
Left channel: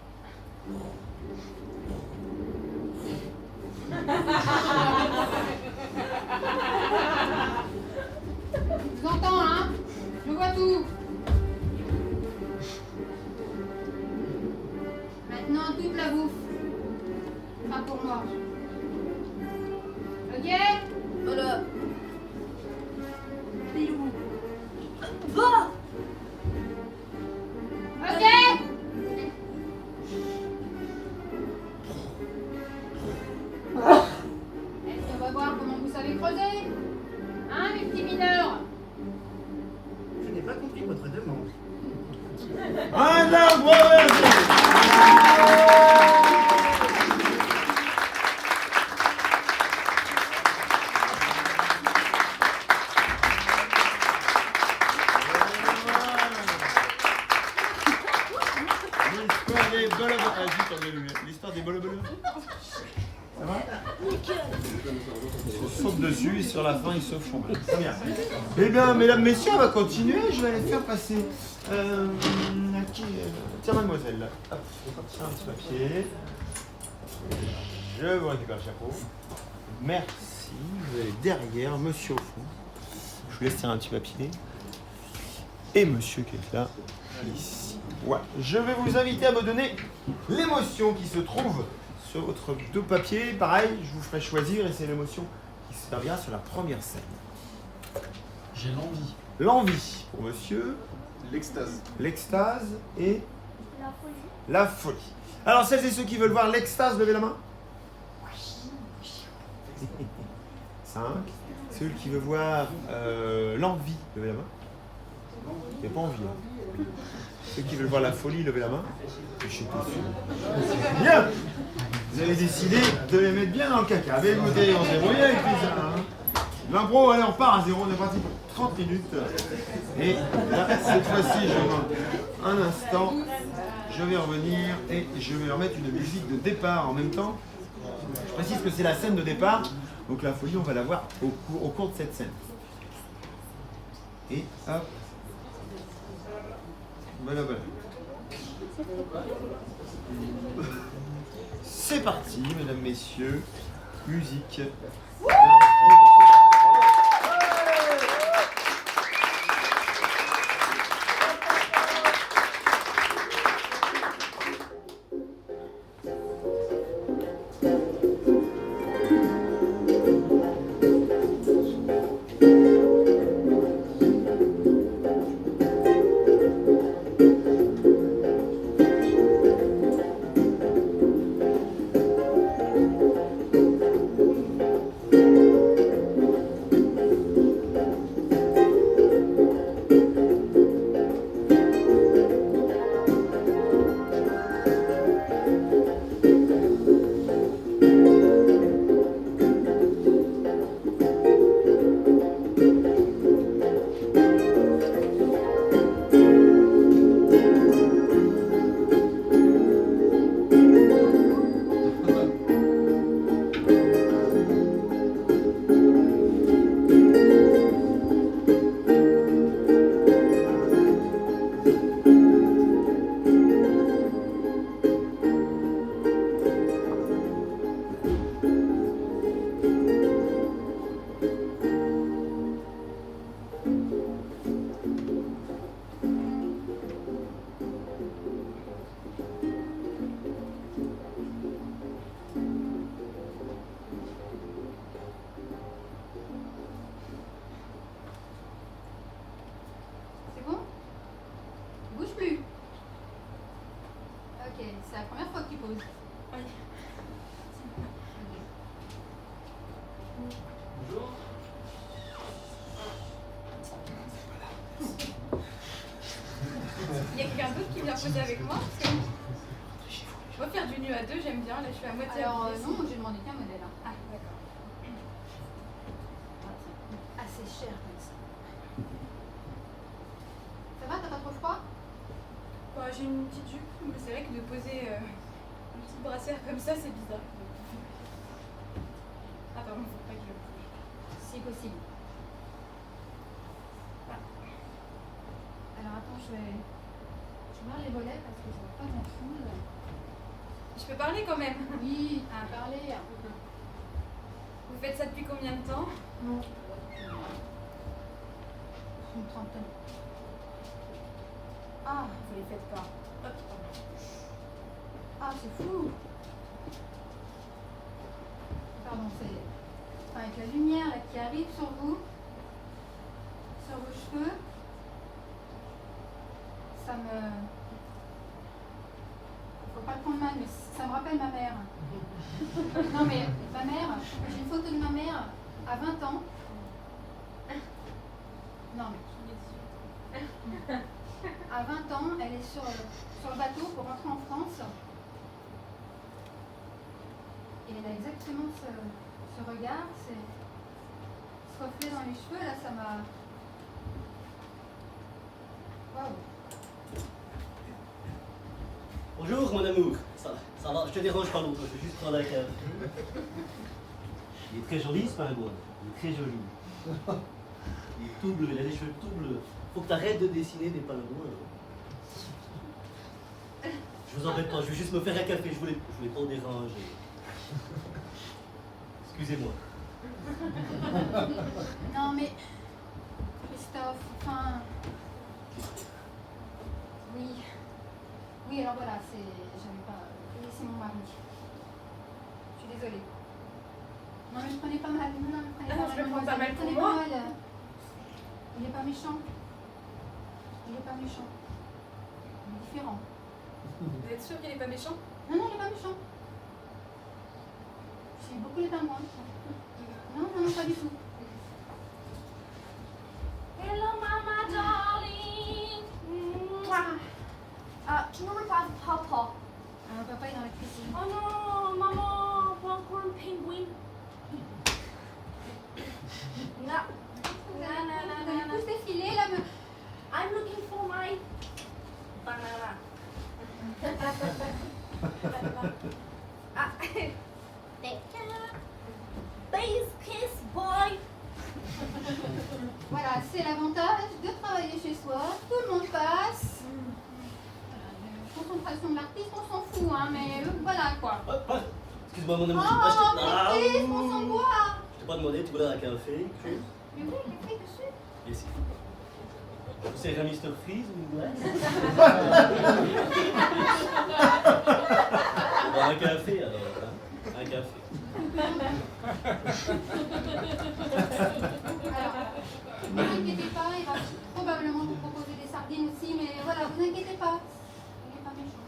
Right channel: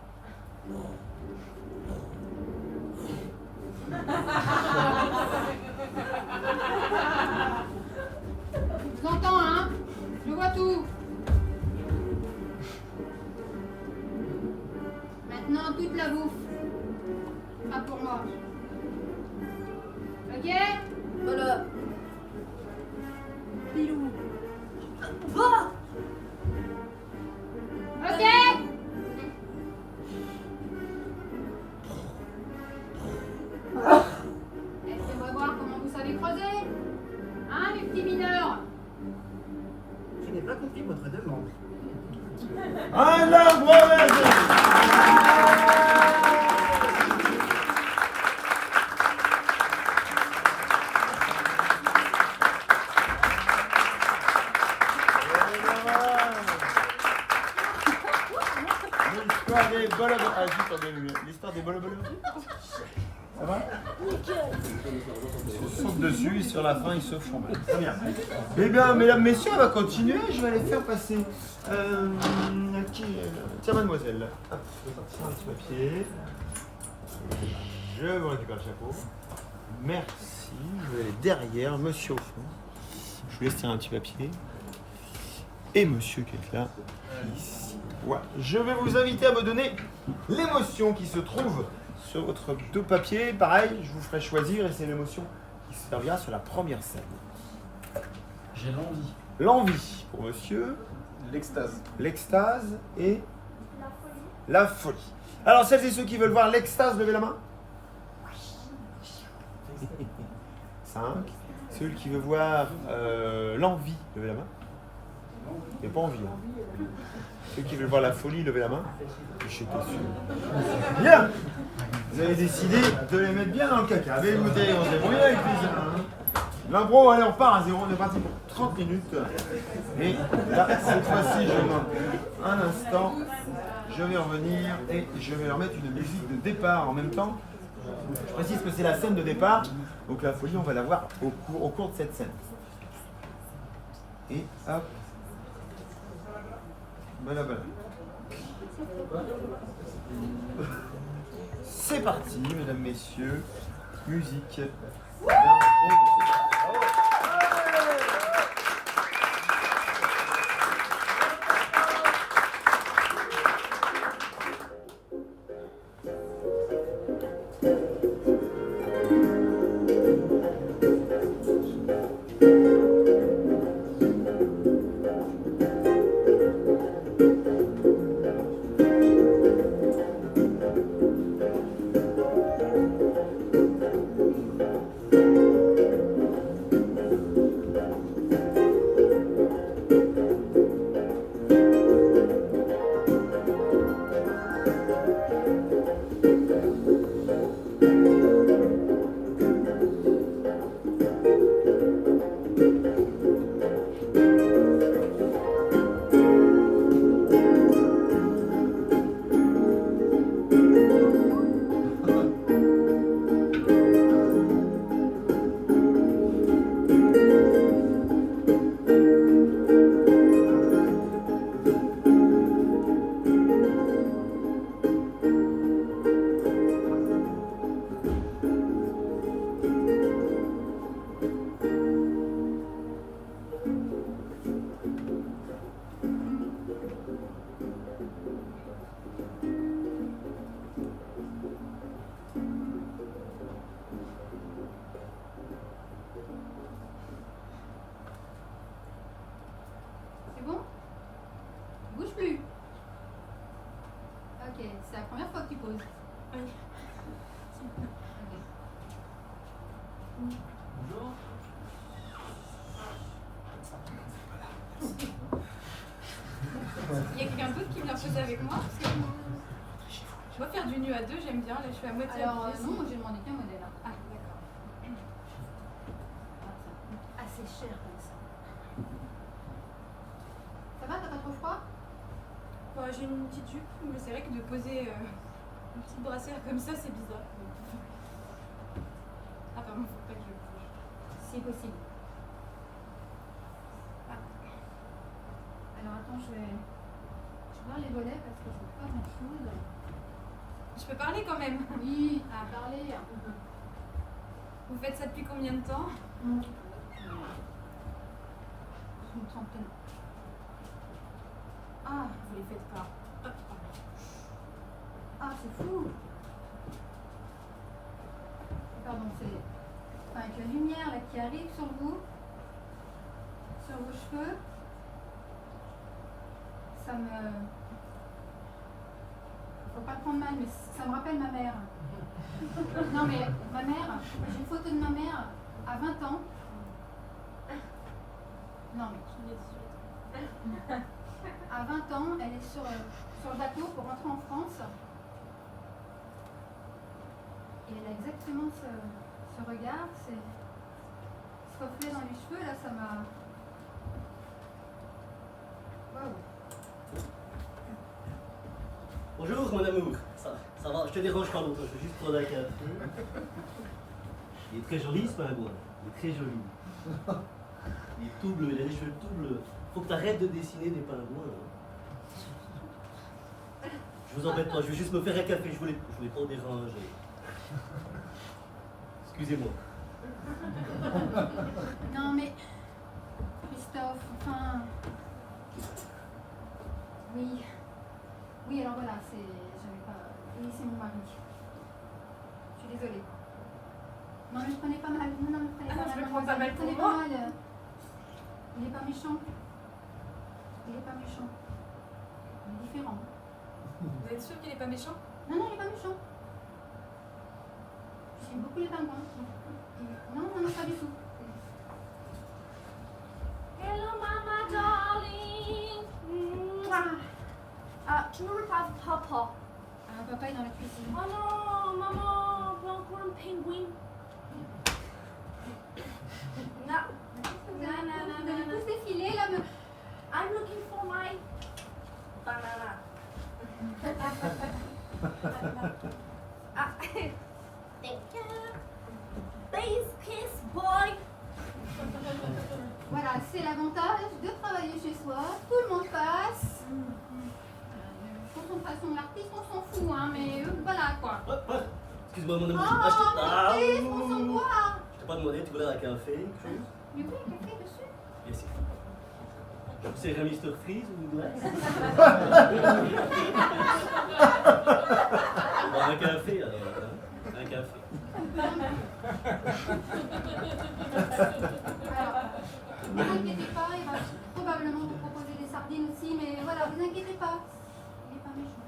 Je vous entends, hein? Je vois tout. Maintenant, toute la bouffe. Pas pour moi. Ok? Voilà. Bilou. Va! Ok? Et puis on va voir comment vous savez creuser. Hein, mes petits mineurs? Je n'ai pas compris votre demande. Un arbre vert. L'histoire des bolobos. Ah, juste, l'histoire des bolobos. Ça va? Ils se sautent dessus et sur la fin ils se font mal. Très bien. Eh bien, mesdames, messieurs, on va continuer. Je vais aller faire passer. Tiens, mademoiselle. Hop, je vais sortir un petit papier. Je vous récupère le chapeau. Merci. Je vais aller derrière, monsieur au fond. Je vous laisse tirer un petit papier. et monsieur qui est là, ici. Voilà. Je vais vous inviter à me donner l'émotion qui se trouve sur votre dos papier. Pareil, je vous ferai choisir et c'est l'émotion qui servira sur la première scène. J'ai l'envie. L'envie pour monsieur, L'extase. l'extase et La folie. la folie. Alors celles et ceux qui veulent voir l'extase, levez la main. 5. Ceux qui veulent voir l'envie, levez la main. Il n'y a pas envie. Hein. Ceux qui veulent voir la folie, levez la main. J'étais sûr. Bien. Vous avez décidé de les mettre bien dans le caca. Mais écoutez, on s'est brouillé avec tout ça. Hein. L'impro, allez, on repart à zéro. On est parti pour 30 minutes. Et là, cette fois-ci, je demande un instant. Je vais revenir et je vais leur mettre une musique de départ en même temps. Je précise que c'est la scène de départ. Donc la folie, on va la voir au cours de cette scène. Et hop. Voilà, voilà. C'est parti, mesdames, messieurs. Musique. C'est bon? Bouge plus. Ok, c'est la première fois que tu poses. Oui. Bonjour. Il y a quelqu'un d'autre qui vient poser avec moi parce que je vois faire du nu à deux, j'aime bien. Là, je suis à moitié. Alors, habillée. non, moi j'ai demandé qu'un modèle. Hein. Ah, d'accord. Assez cher comme ça. Ça va, t'as pas trop froid? Bah, j'ai une petite jupe, mais c'est vrai que de poser une petite brassière comme ça, c'est bizarre. Ah, pardon, faut pas que je bouge. Si possible. Alors attends, je vais voir les volets parce que c'est pas grand chose. Je peux parler quand même. Oui, à parler. Vous faites ça depuis combien de temps? Une trentaine. Ah, vous les faites pas. Hop, pardon. Ah, c'est fou. Pardon, c'est avec la lumière là, qui arrive sur vous, sur vos cheveux. Ça me... Faut pas le prendre mal, mais ça me rappelle ma mère. Non mais ma mère, j'ai une photo de ma mère à 20 ans. Non mais... À 20 ans, elle est sur le bateau pour rentrer en France. Et elle a exactement ce regard, ce reflet dans les cheveux, là ça m'a... Waouh. Bonjour mon amour, ça va, je te dérange pas longtemps, je vais juste prendre un café. Il est très joli ce pingouin, il est très joli. Il est tout bleu, il a les cheveux tout bleus. Faut que tu arrêtes de dessiner des pingouins. Hein. Je vous embête pas, je vais juste me faire un café, je voulais pas déranger. Excusez-moi. Non mais... Christophe, enfin... Oui, alors voilà, j'avais pas. Et c'est mon mari. Je suis désolée. Non, mais je prenais pas mal. Non, mais prenez pas mal. Je le prends pas mal pour Prenez moi. pas mal. Il est pas méchant. Il est pas méchant. Il est différent. Vous êtes sûr qu'il est pas méchant? Non, non, il est pas méchant. J'aime beaucoup les pingouins. Non, non, non, pas du tout. Hello, Mama, darling. Mouah. Tu me reparles papa. Alors, papa est dans la cuisine. Oh non, maman, pas encore un pingouin. Non. Vous allez tous défiler là, me... I'm looking for my banana. Base kiss boy. Voilà, c'est l'avantage de travailler chez soi. Tout le monde passe. Voilà, la concentration de l'artiste, on s'en fout, hein, mais voilà quoi. Excuse-moi, mon ami. Oh, l'artiste, on s'en boit. Je t'ai pas demandé, tu voulais un café? Mais oui, le fait dessus. Et c'est c'est un Mr. Freeze ou une glace? Bon, un café alors, hein? Un café. Alors, ne vous inquiétez pas, il va probablement vous proposer des sardines aussi, mais voilà, vous inquiétez pas. Il n'est pas méchant.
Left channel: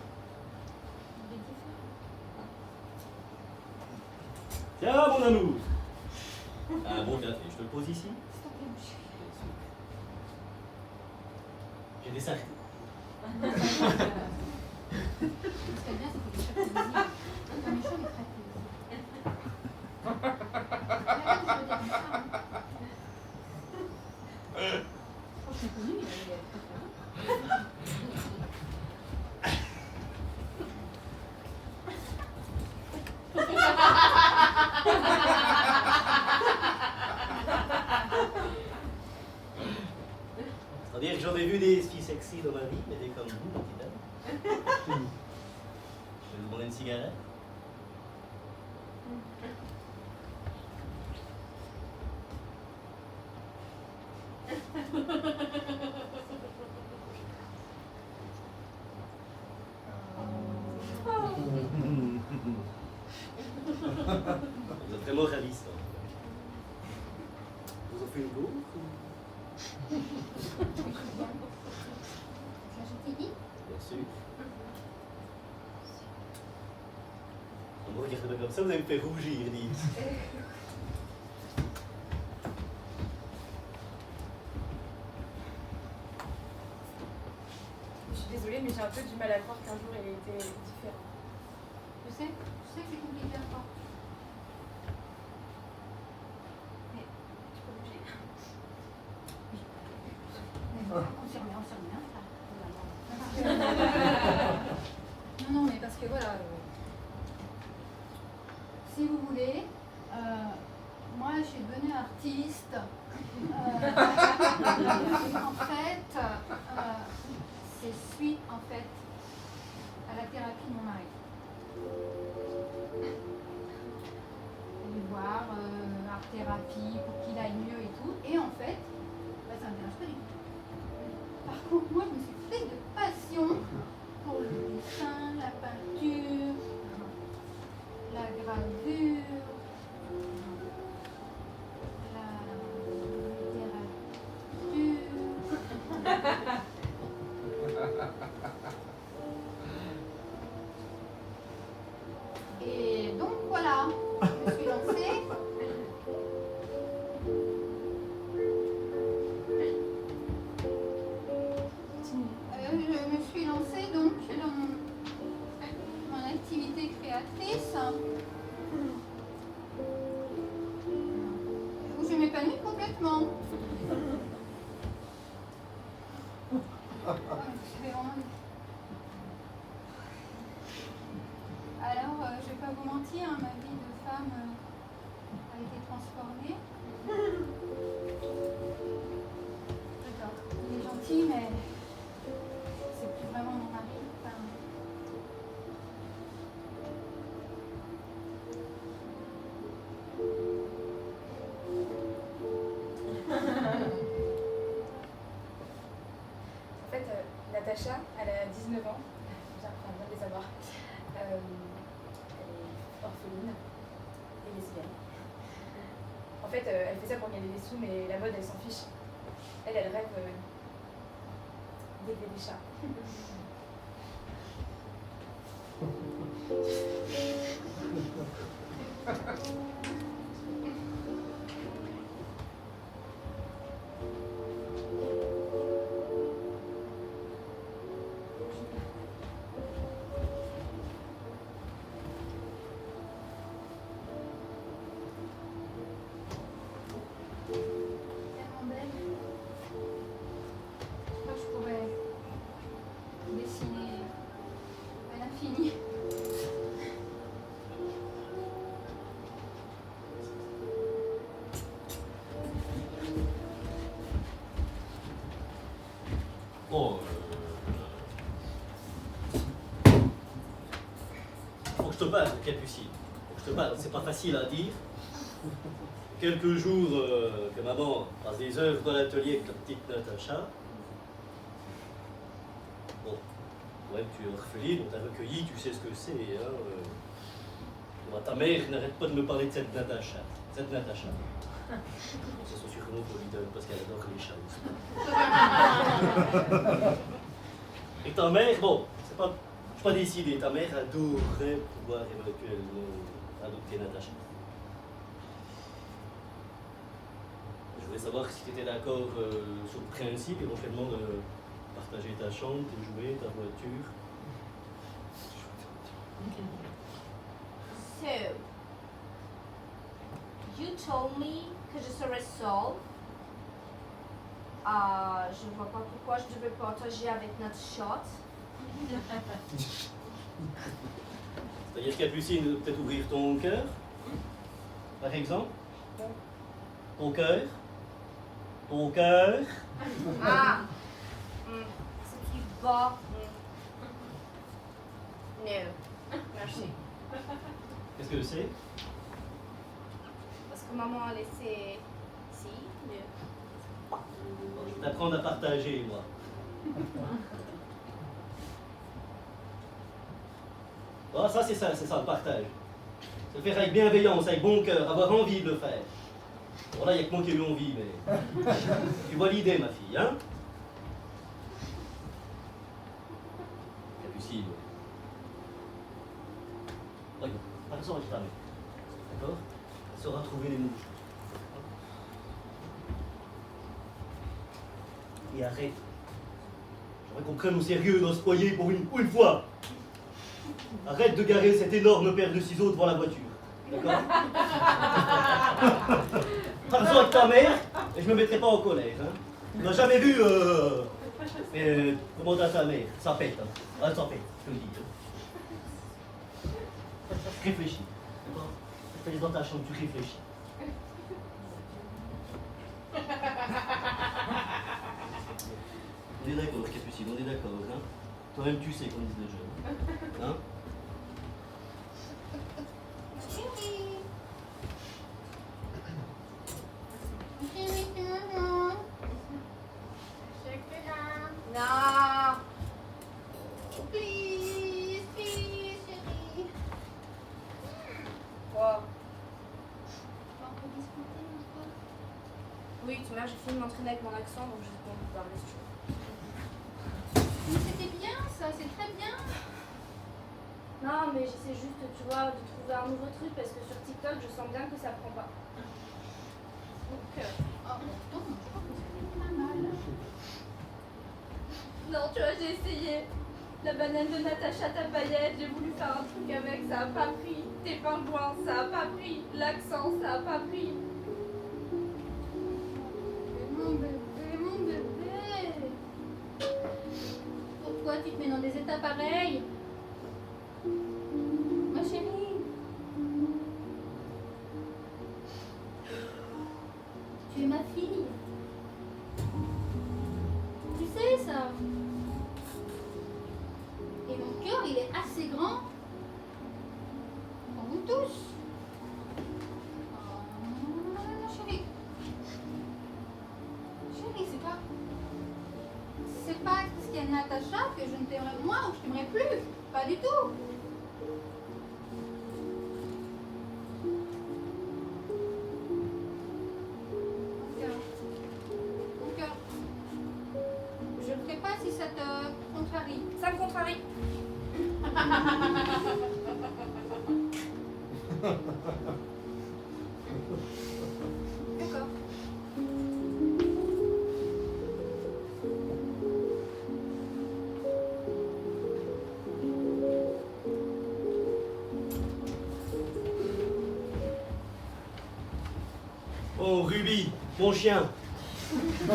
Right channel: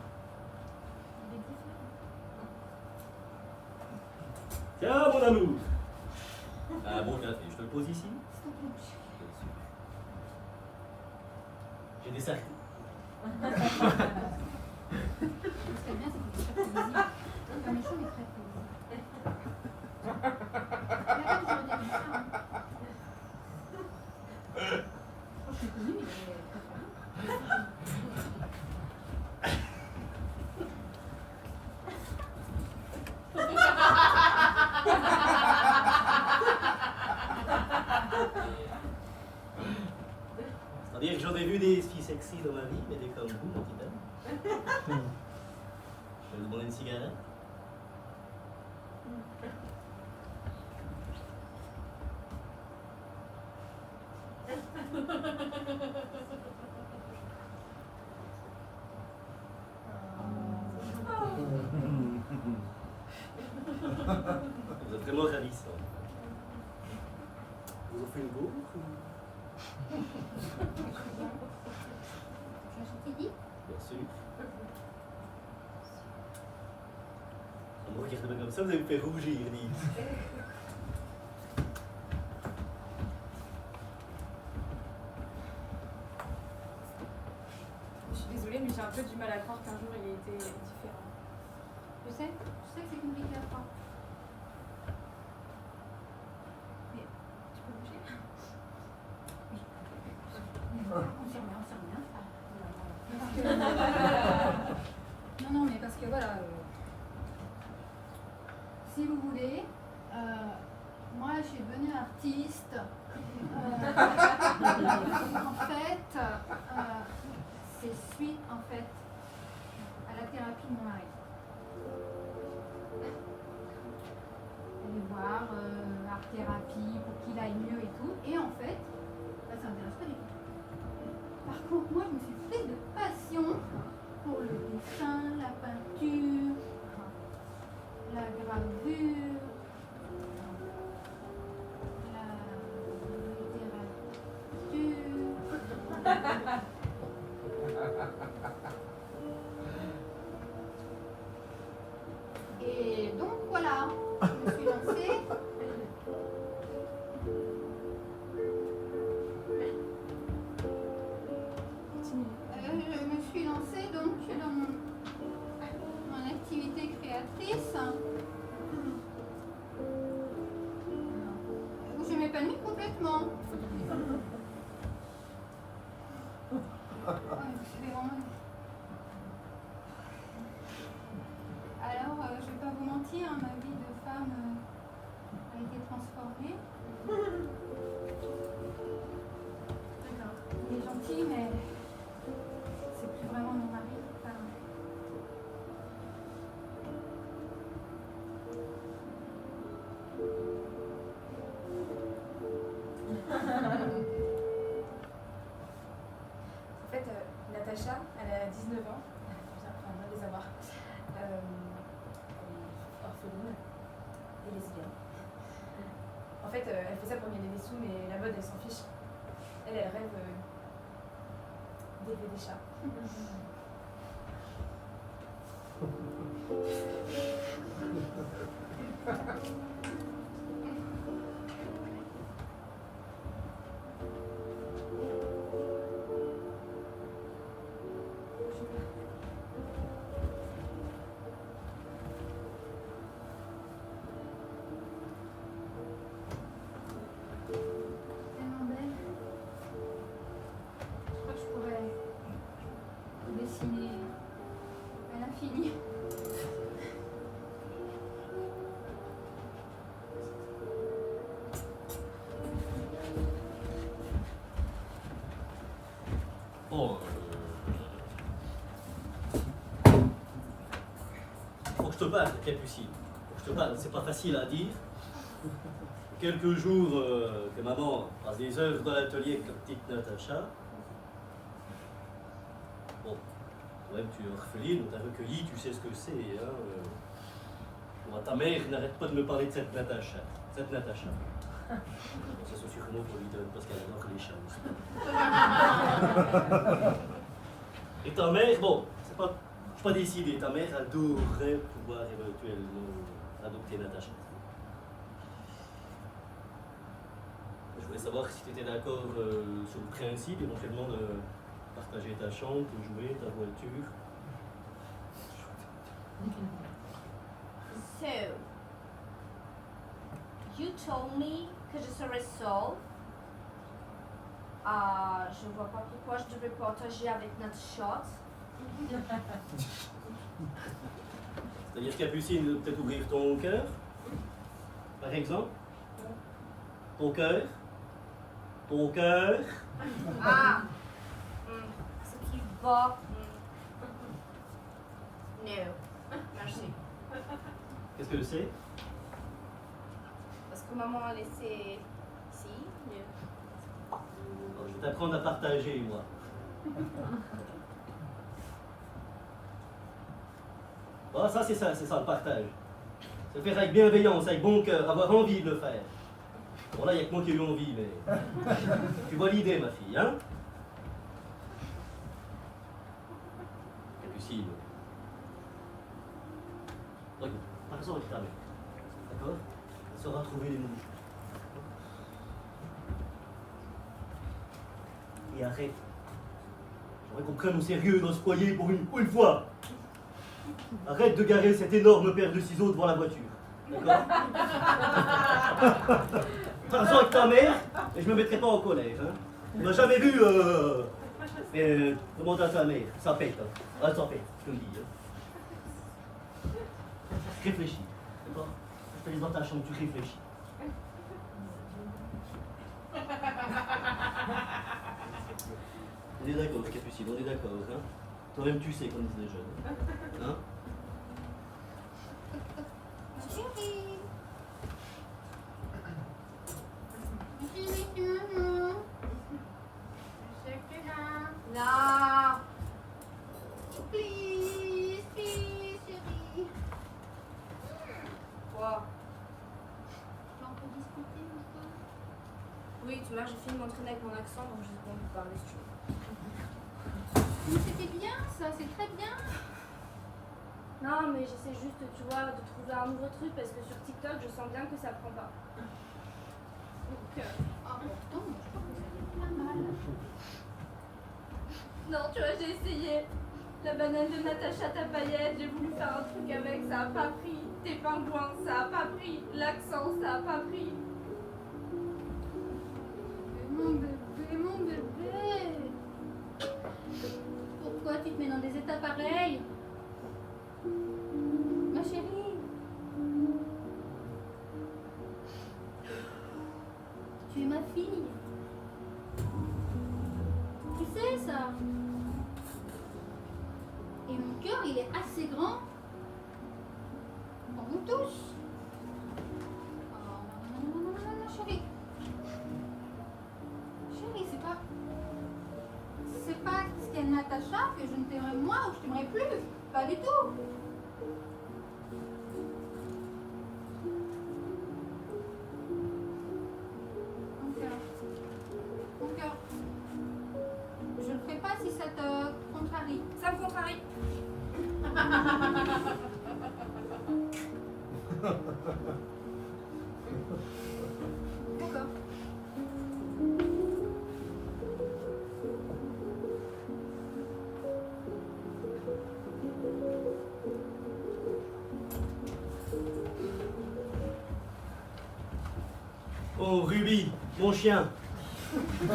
Il est différent. Tiens, mon amour. Un bon café, je te le pose ici? S'il te plaît, monsieur. J'ai des sacs. Ce qui est bien, c'est qu'il est très prévisible. Il n'est pas méchant, mais très prévisible. Il y a pas que je veux dire comme ça, hein. Oh, je suis connue, mais il est très très bien. C'est-à-dire que j'en ai vu des filles sexy dans ma vie, mais des comme vous, mon petit ami. Je vais vous demander une cigarette. Vous êtes vraiment ravissant. Vous en faites une bourre ou... La chantilly. Bien sûr. On me regarde pas comme ça, vous allez me faire rougir, Lise. Je suis désolée, mais j'ai un peu du mal à croire qu'un jour il ait été différent. Je sais que c'est compliqué à croire. Mais Tu peux bouger? on s'y remet, hein. Non, non, mais parce que voilà, si vous voulez, moi je suis devenue artiste. En fait, c'est suite en fait à la thérapie de mon mari. Aller voir art thérapie pour qu'il aille mieux et tout. Et en fait, bah, ça m'intéresse pas du tout. Par contre, moi, je me suis prise de passion pour le dessin, la peinture, la gravure, la littérature. Et donc voilà, je me suis lancée. Je me suis lancée donc dans mon activité créatrice où je m'épanouis complètement. Alors, je vais pas vous mentir, hein, ma vie de femme a été transformée. D'accord, il est gentil, mais c'est plus vraiment mon mari. Enfin, En fait, Natacha, elle a 19 ans. enfin, loin de les avoir. Elle est orpheline et lesbienne. En fait, elle fait ça pour gagner des sous, mais la mode, elle s'en fiche. Elle rêve d'élever des chats. Tellement belle. Je crois que je pourrais dessiner à l'infini. Bon, faut que je te parle, Capucine. Faut que je te parle, c'est pas facile à dire. Quelques jours que maman passe des heures dans l'atelier avec la petite Natacha. Bon, toi-même tu es orpheline, on t'a recueilli, tu sais ce que c'est. Hein, Moi, ta mère n'arrête pas de me parler de cette Natacha. Cette Natacha. Bon, c'est son surnom pour lui donner parce qu'elle adore les chats aussi. Et ta mère, bon, je suis pas décidé, ta mère adorerait pouvoir éventuellement adopter Natacha. Je voulais savoir si tu étais d'accord sur le principe, éventuellement de partager ta chambre, tes jouets, ta voiture. So, you told me que je serais seule. Je vois pas pourquoi je devais partager avec notre chat. C'est-à-dire, Capucine, peut-être ouvrir ton cœur, par exemple. Ton cœur. Ton cœur. Ah, ce qui va. No, merci. Qu'est-ce que c'est? Parce que maman a laissé ici, no. Je vais t'apprendre à partager, moi. Ah, ça, c'est ça le partage. Se faire avec bienveillance, avec bon cœur, avoir envie de le faire. Bon, là, il n'y a que moi qui ai eu envie, mais. Tu vois l'idée, ma fille, hein? Capucine. Regarde, par exemple, avec ta mère. D'accord? Elle saura trouver les mots. Et arrête. J'aimerais qu'on prenne au sérieux dans ce foyer pour une fois. Arrête de garer cette énorme paire de ciseaux devant la voiture. D'accord? Parle-en avec ta mère et je me mettrai pas en colère. Hein? Tu m'as jamais vu demander à sa mère. Ça pète. Hein? Ah, ça pète, je te le dis. Hein? Réfléchis. D'accord? Tu allais dans ta chambre, tu réfléchis. On est d'accord, Capucine, on est d'accord, hein? Toi-même tu sais, comme disent les jeunes. Hein? Chérie. Chérie, tu me vois. Chocolat. Non. Please, please, chérie. Quoi? On peut discuter un peu. Oui, tu vois, j'ai fini de m'entraîner avec mon accent, donc j'ai pas envie de parler si tu veux. Mais c'était bien ça, c'est très bien. Non, mais j'essaie juste, tu vois, de trouver un nouveau truc parce que sur TikTok, je sens bien que ça prend pas. Donc, Oh, pourtant, je crois que vous avez pas mal. non, tu vois, j'ai essayé. La banane de Natacha Tapayette, j'ai voulu faire un truc avec, ça a pas pris. Tes pingouins, ça a pas pris. L'accent, ça a pas pris. Mon bébé, mon bébé. Pourquoi tu te mets dans des états pareils? Ma chérie. Tu es ma fille. Tu sais ça. Et mon cœur, il est assez grand pour vous tous. Oh, non, chérie. Chérie, c'est pas ce qu'il y a Natacha que je ne t'aimerai moins ou que je t'aimerai plus. Pas du tout. Mon cœur. Je ne ferai pas si ça te contrarie. Ça me contrarie. D'accord. Oh, Ruby, mon chien. Je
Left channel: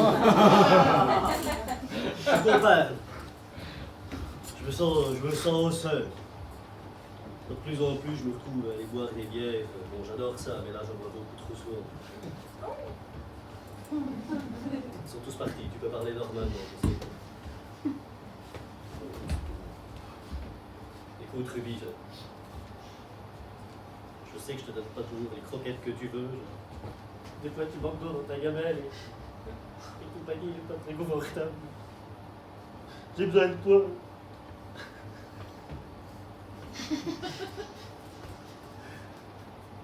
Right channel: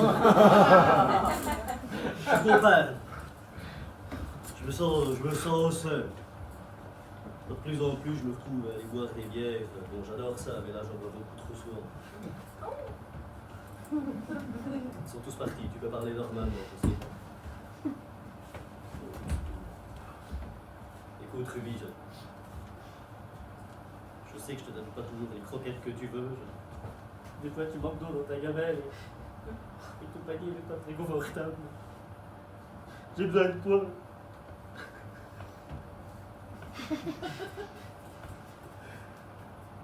comprends. Je me sens seul. De plus en plus, je me retrouve à aller boire des bières. Bon, j'adore ça, mais là, j'en bois beaucoup trop souvent. Ils sont tous partis. Tu peux parler d'hormones, moi, je sais. Écoute, Ruby, je sais que je te donne pas toujours les croquettes que tu veux. Des fois, tu manques d'eau dans ta gamelle et compagnie n'est pas très confortable. J'ai besoin de toi.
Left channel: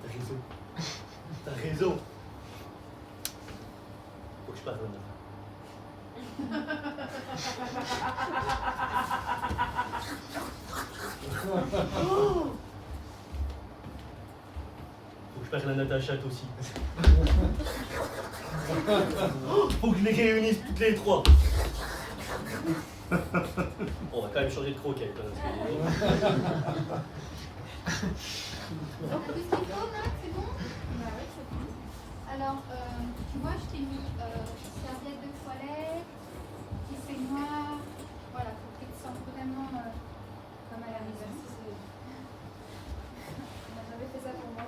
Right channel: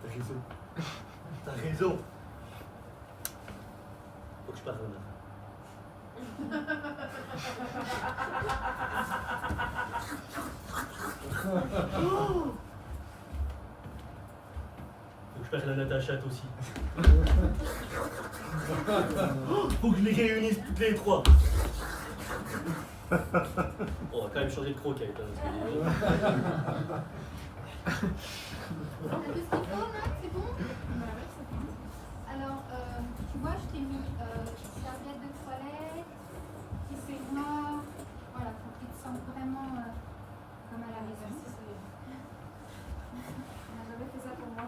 T'as raison. T'as raison. Faut que je parle maintenant. Faut que je parle à Natacha aussi. Faut que je les réunisse toutes les trois. On va quand même changer de croquette. Hein, parce que... On a tout ce qu'il faut, là, c'est bon? Bah ouais, c'est bon. Alors, tu vois, je t'ai mis serviette de toilette, petit peignoir, voilà, pour que tu te sentes vraiment comme à la maison. On n'a jamais fait ça pour moi.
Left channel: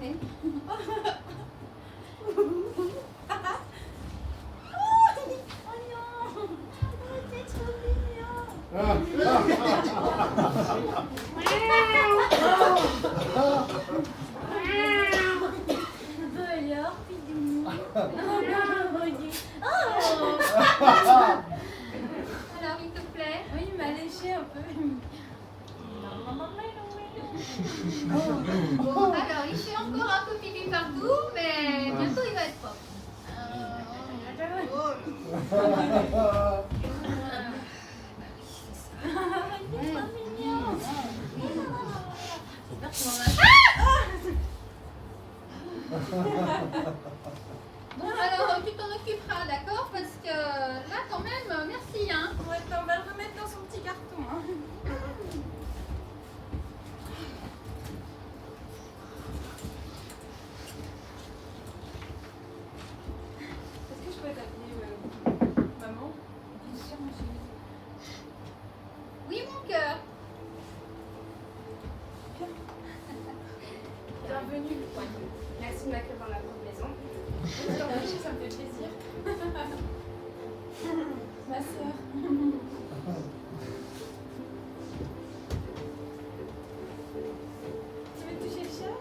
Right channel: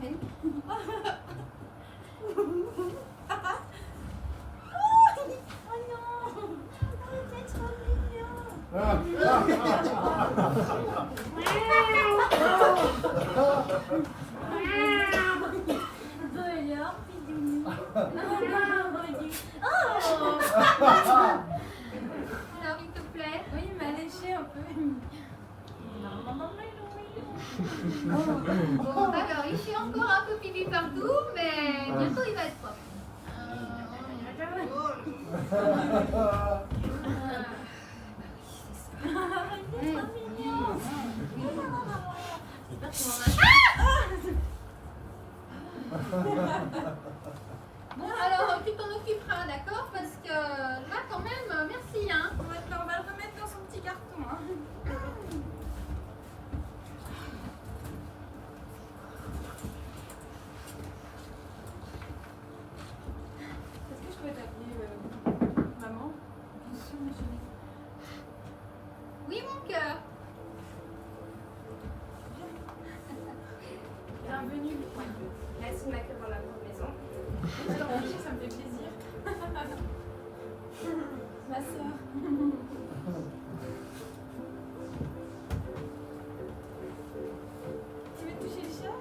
Oui. Oh non! C'est trop mignon! Alors, Pidounou. Alors, il te plaît? Oui, il m'a léché un peu. Bon, alors, il fait encore un peu pipi partout, mais bientôt il va être propre. Bon, alors tu t'en occuperas, d'accord? Parce que là, quand même, merci, hein. Ouais, on va le remettre dans son petit carton. Hein. Est-ce que je peux t'appeler maman? Bien sûr, mon chéri. Oui, mon cœur. Bienvenue. Merci de m'accueillir dans la grande maison. Je t'empêcher, ça me fait plaisir. Ma soeur. Tu veux toucher le chat?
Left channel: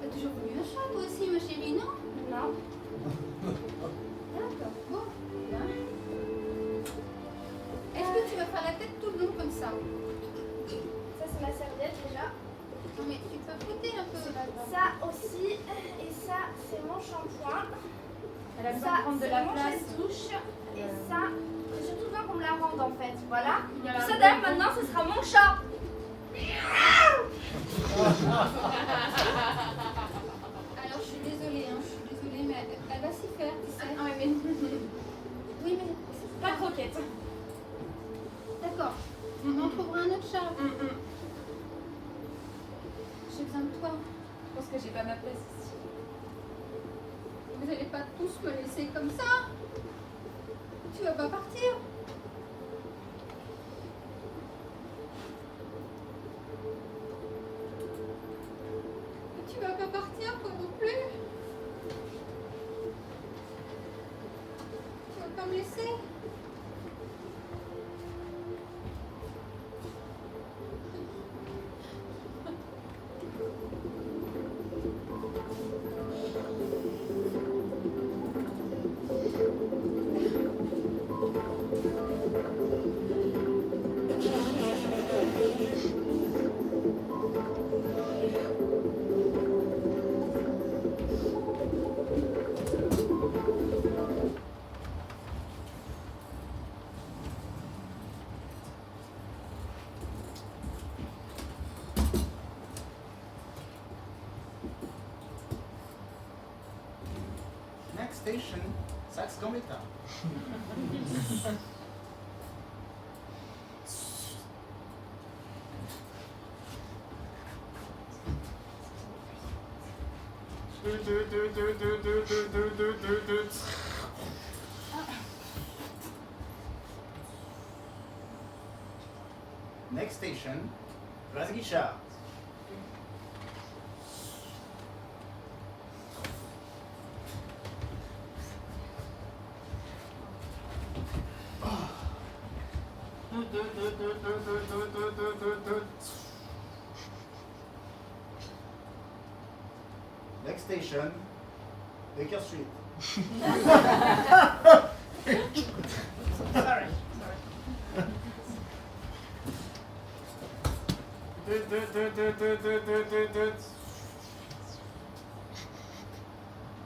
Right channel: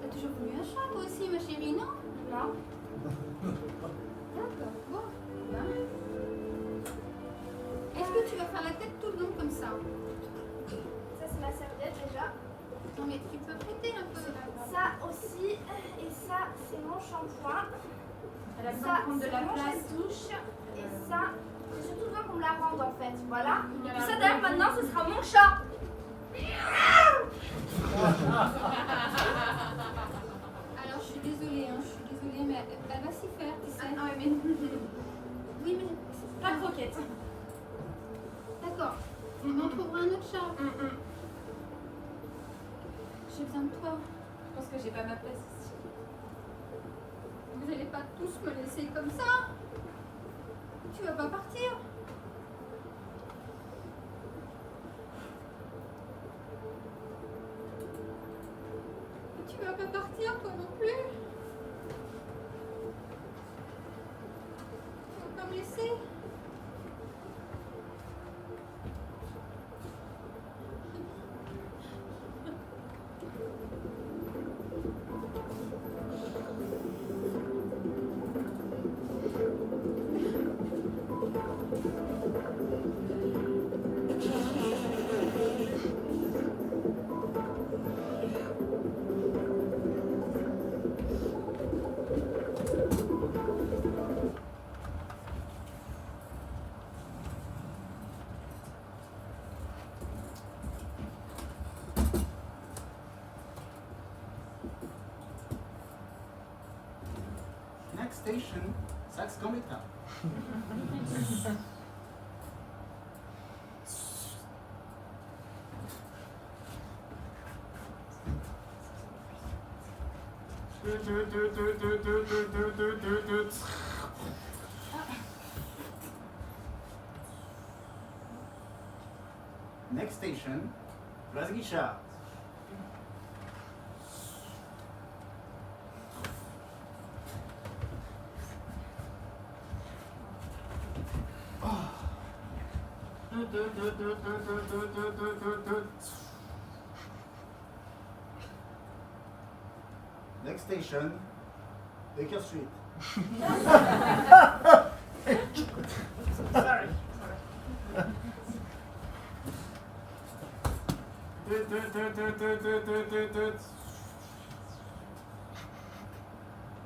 T'as toujours voulu un chat, toi aussi, ma chérie, non? Non. D'accord. Bon, bien. Est-ce que tu vas faire la tête tout le long comme ça? Ça, c'est ma serviette déjà. Non, mais tu peux frotter un peu. Ça aussi. Et ça, c'est mon shampoing. Elle a besoin Ça, de prendre de c'est la mon place. gel-douche. Et ça, j'ai surtout besoin qu'on me la rende en fait. Voilà. Il y a Tout un ça d'ailleurs, maintenant, ce sera mon chat. Alors, je suis désolée, mais elle va s'y faire, tu sais. Ah ouais, mais Oui, mais pas de croquette. d'accord. On trouvera un autre chat. J'ai besoin de toi. Je pense que j'ai pas ma place ici. Vous n'allez pas tous me laisser comme ça. Tu vas pas partir. Tu vas pas partir, toi non plus. Tu vas pas me laisser. Next station, Saxe-Gambetta. Next station, Place Guichard. Next station, Baker Street. Sorry.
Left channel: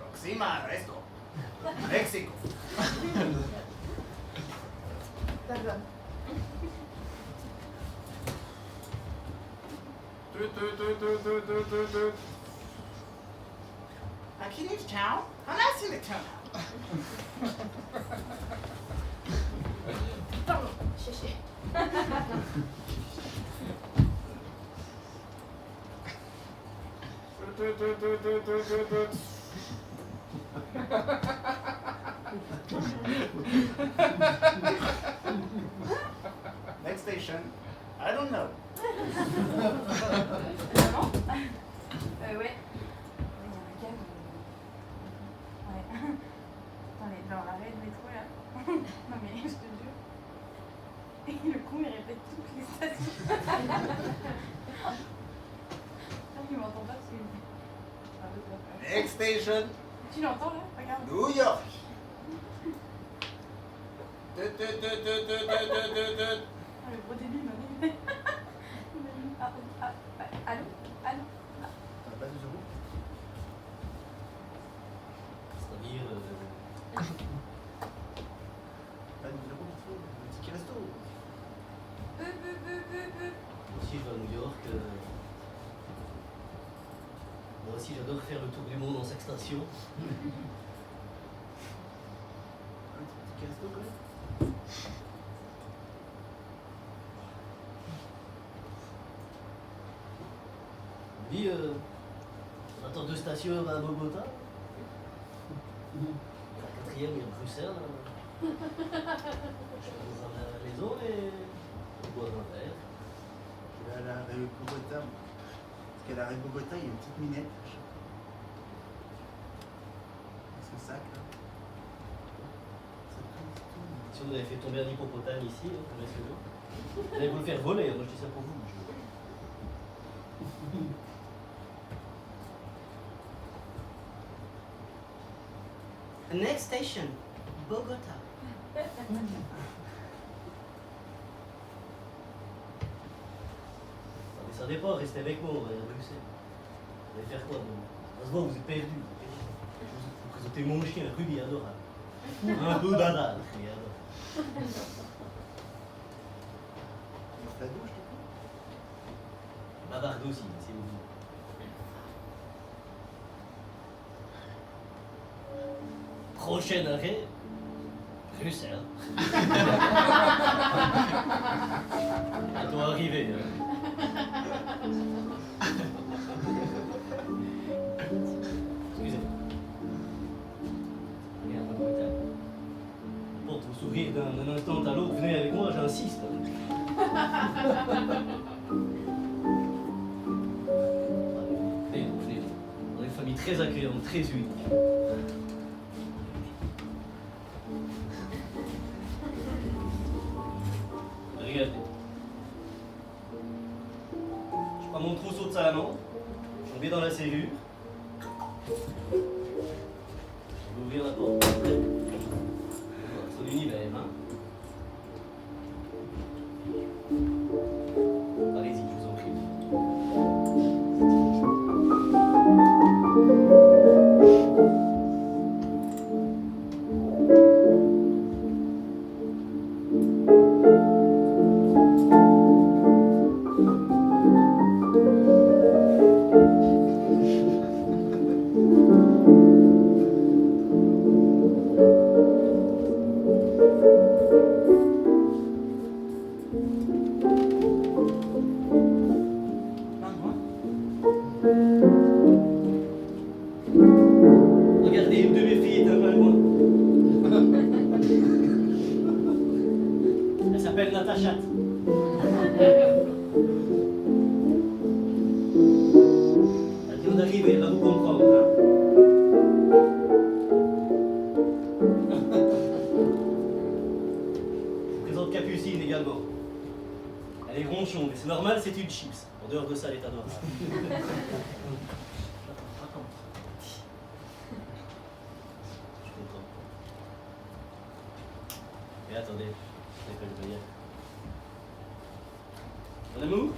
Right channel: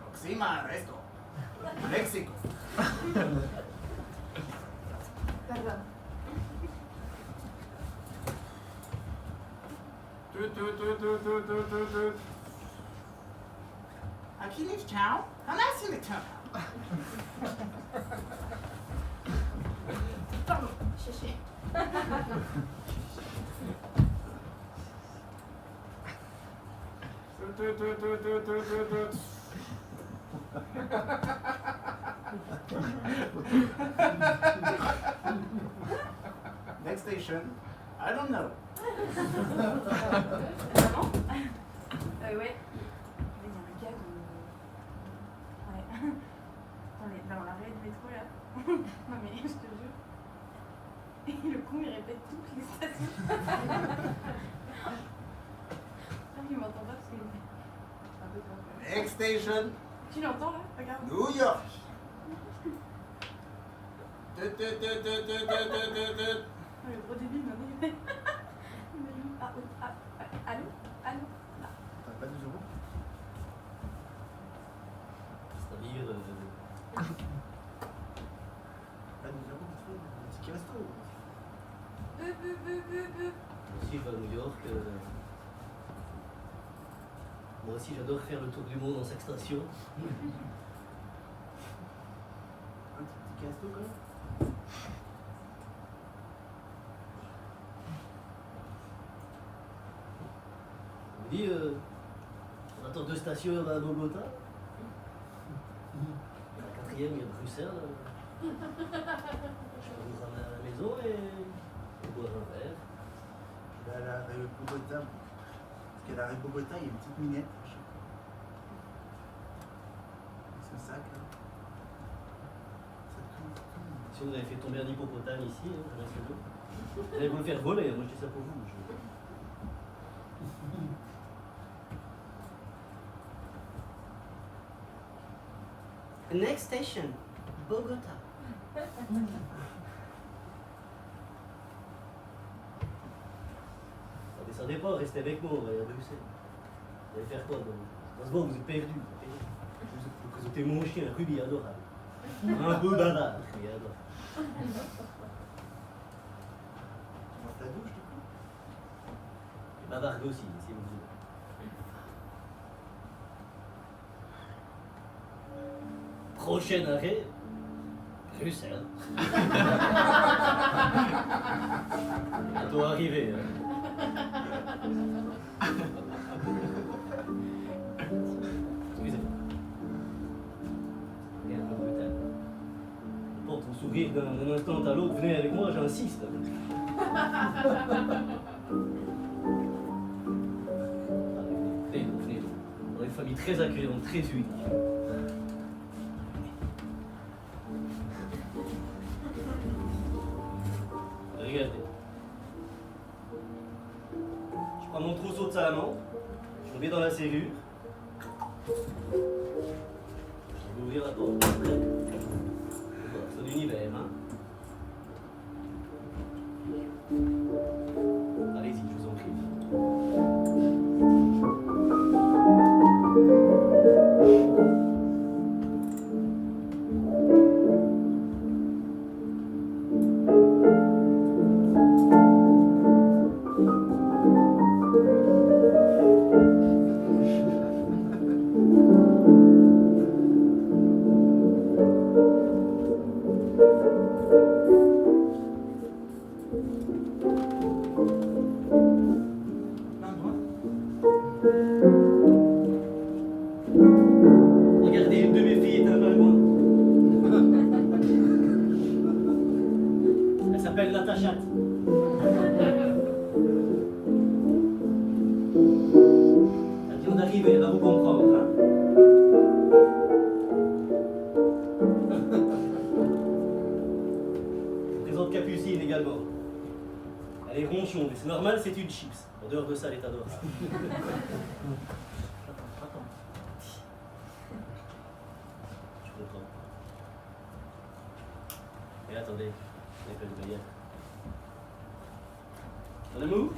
Proxima Resto. Mexico. Pardon. Achilles Town? I'm not in the town. Pardon, cherchez. Next station, I don't know. Vraiment ouais. Il y a un gars qu'on... Ouais. Attendez, dans l'arrêt de métro là. Non mais je te jure. Et le con il répète toutes les stations. Ah, il m'entend pas parce qu'il j'ai un peu peur. Next station, Tu l'entends là? Regarde. New York. Ah, le gros débile m'a dit. Allô? Allô? T'as pas 12 euros? C'est-à-dire. Pas 12 euros, il faut un ticket resto. Moi aussi, je vais à New York. Moi aussi, j'adore faire le tour du monde en sextation. Un ticket resto, quoi? Oui, on attend 2 stations à Bogota. La 4e, il y a Bruxelles. Je vais vous ramener à la maison et on boire un verre. Je vais à l'arrêt Bogota. Parce qu'à l'arrêt Bogota, il y a une petite minette. Ce sac là. Si vous avez fait tomber un hippopotame ici, hein, vous voyez ce que je veux dire. Vous allez vous le faire voler, hein, moi je dis ça pour vous. Next station, Bogota. Ne descendez pas, restez avec moi, on va aller à Bruxelles. Vous allez faire quoi demain? Ça se voit, vous êtes perdu. Vous présentez mon chien, Ruby, adorable. Un peu banal, mais adorable. Dans ta douche, du coup? Et bavarde aussi, si vous voulez. Prochain arrêt, Bruxelles. Bientôt arrivé. Excusez. Regarde le brutal. Porte vos sourires d'un instant à l'autre, venez avec moi, j'insiste. Venez donc, venez donc. On est une famille très accueillante, très unie. Regardez. Je prends mon trousseau de salamandre, je mets dans la serrure. Je vais ouvrir la porte. Voilà, c'est l'univers, hein. Allez-y, je vous en prie. Regardez, une de mes filles est un pingouin. Elle s'appelle Natacha. Elle vient d'arriver, elle va vous comprendre. Hein. Je vous présente Capucine également. Elle est ronchon, mais c'est normal, c'est une chips. En dehors de ça, elle est adorable. Je comprends. Et attendez, je n'ai pas le baguette. Ton amour?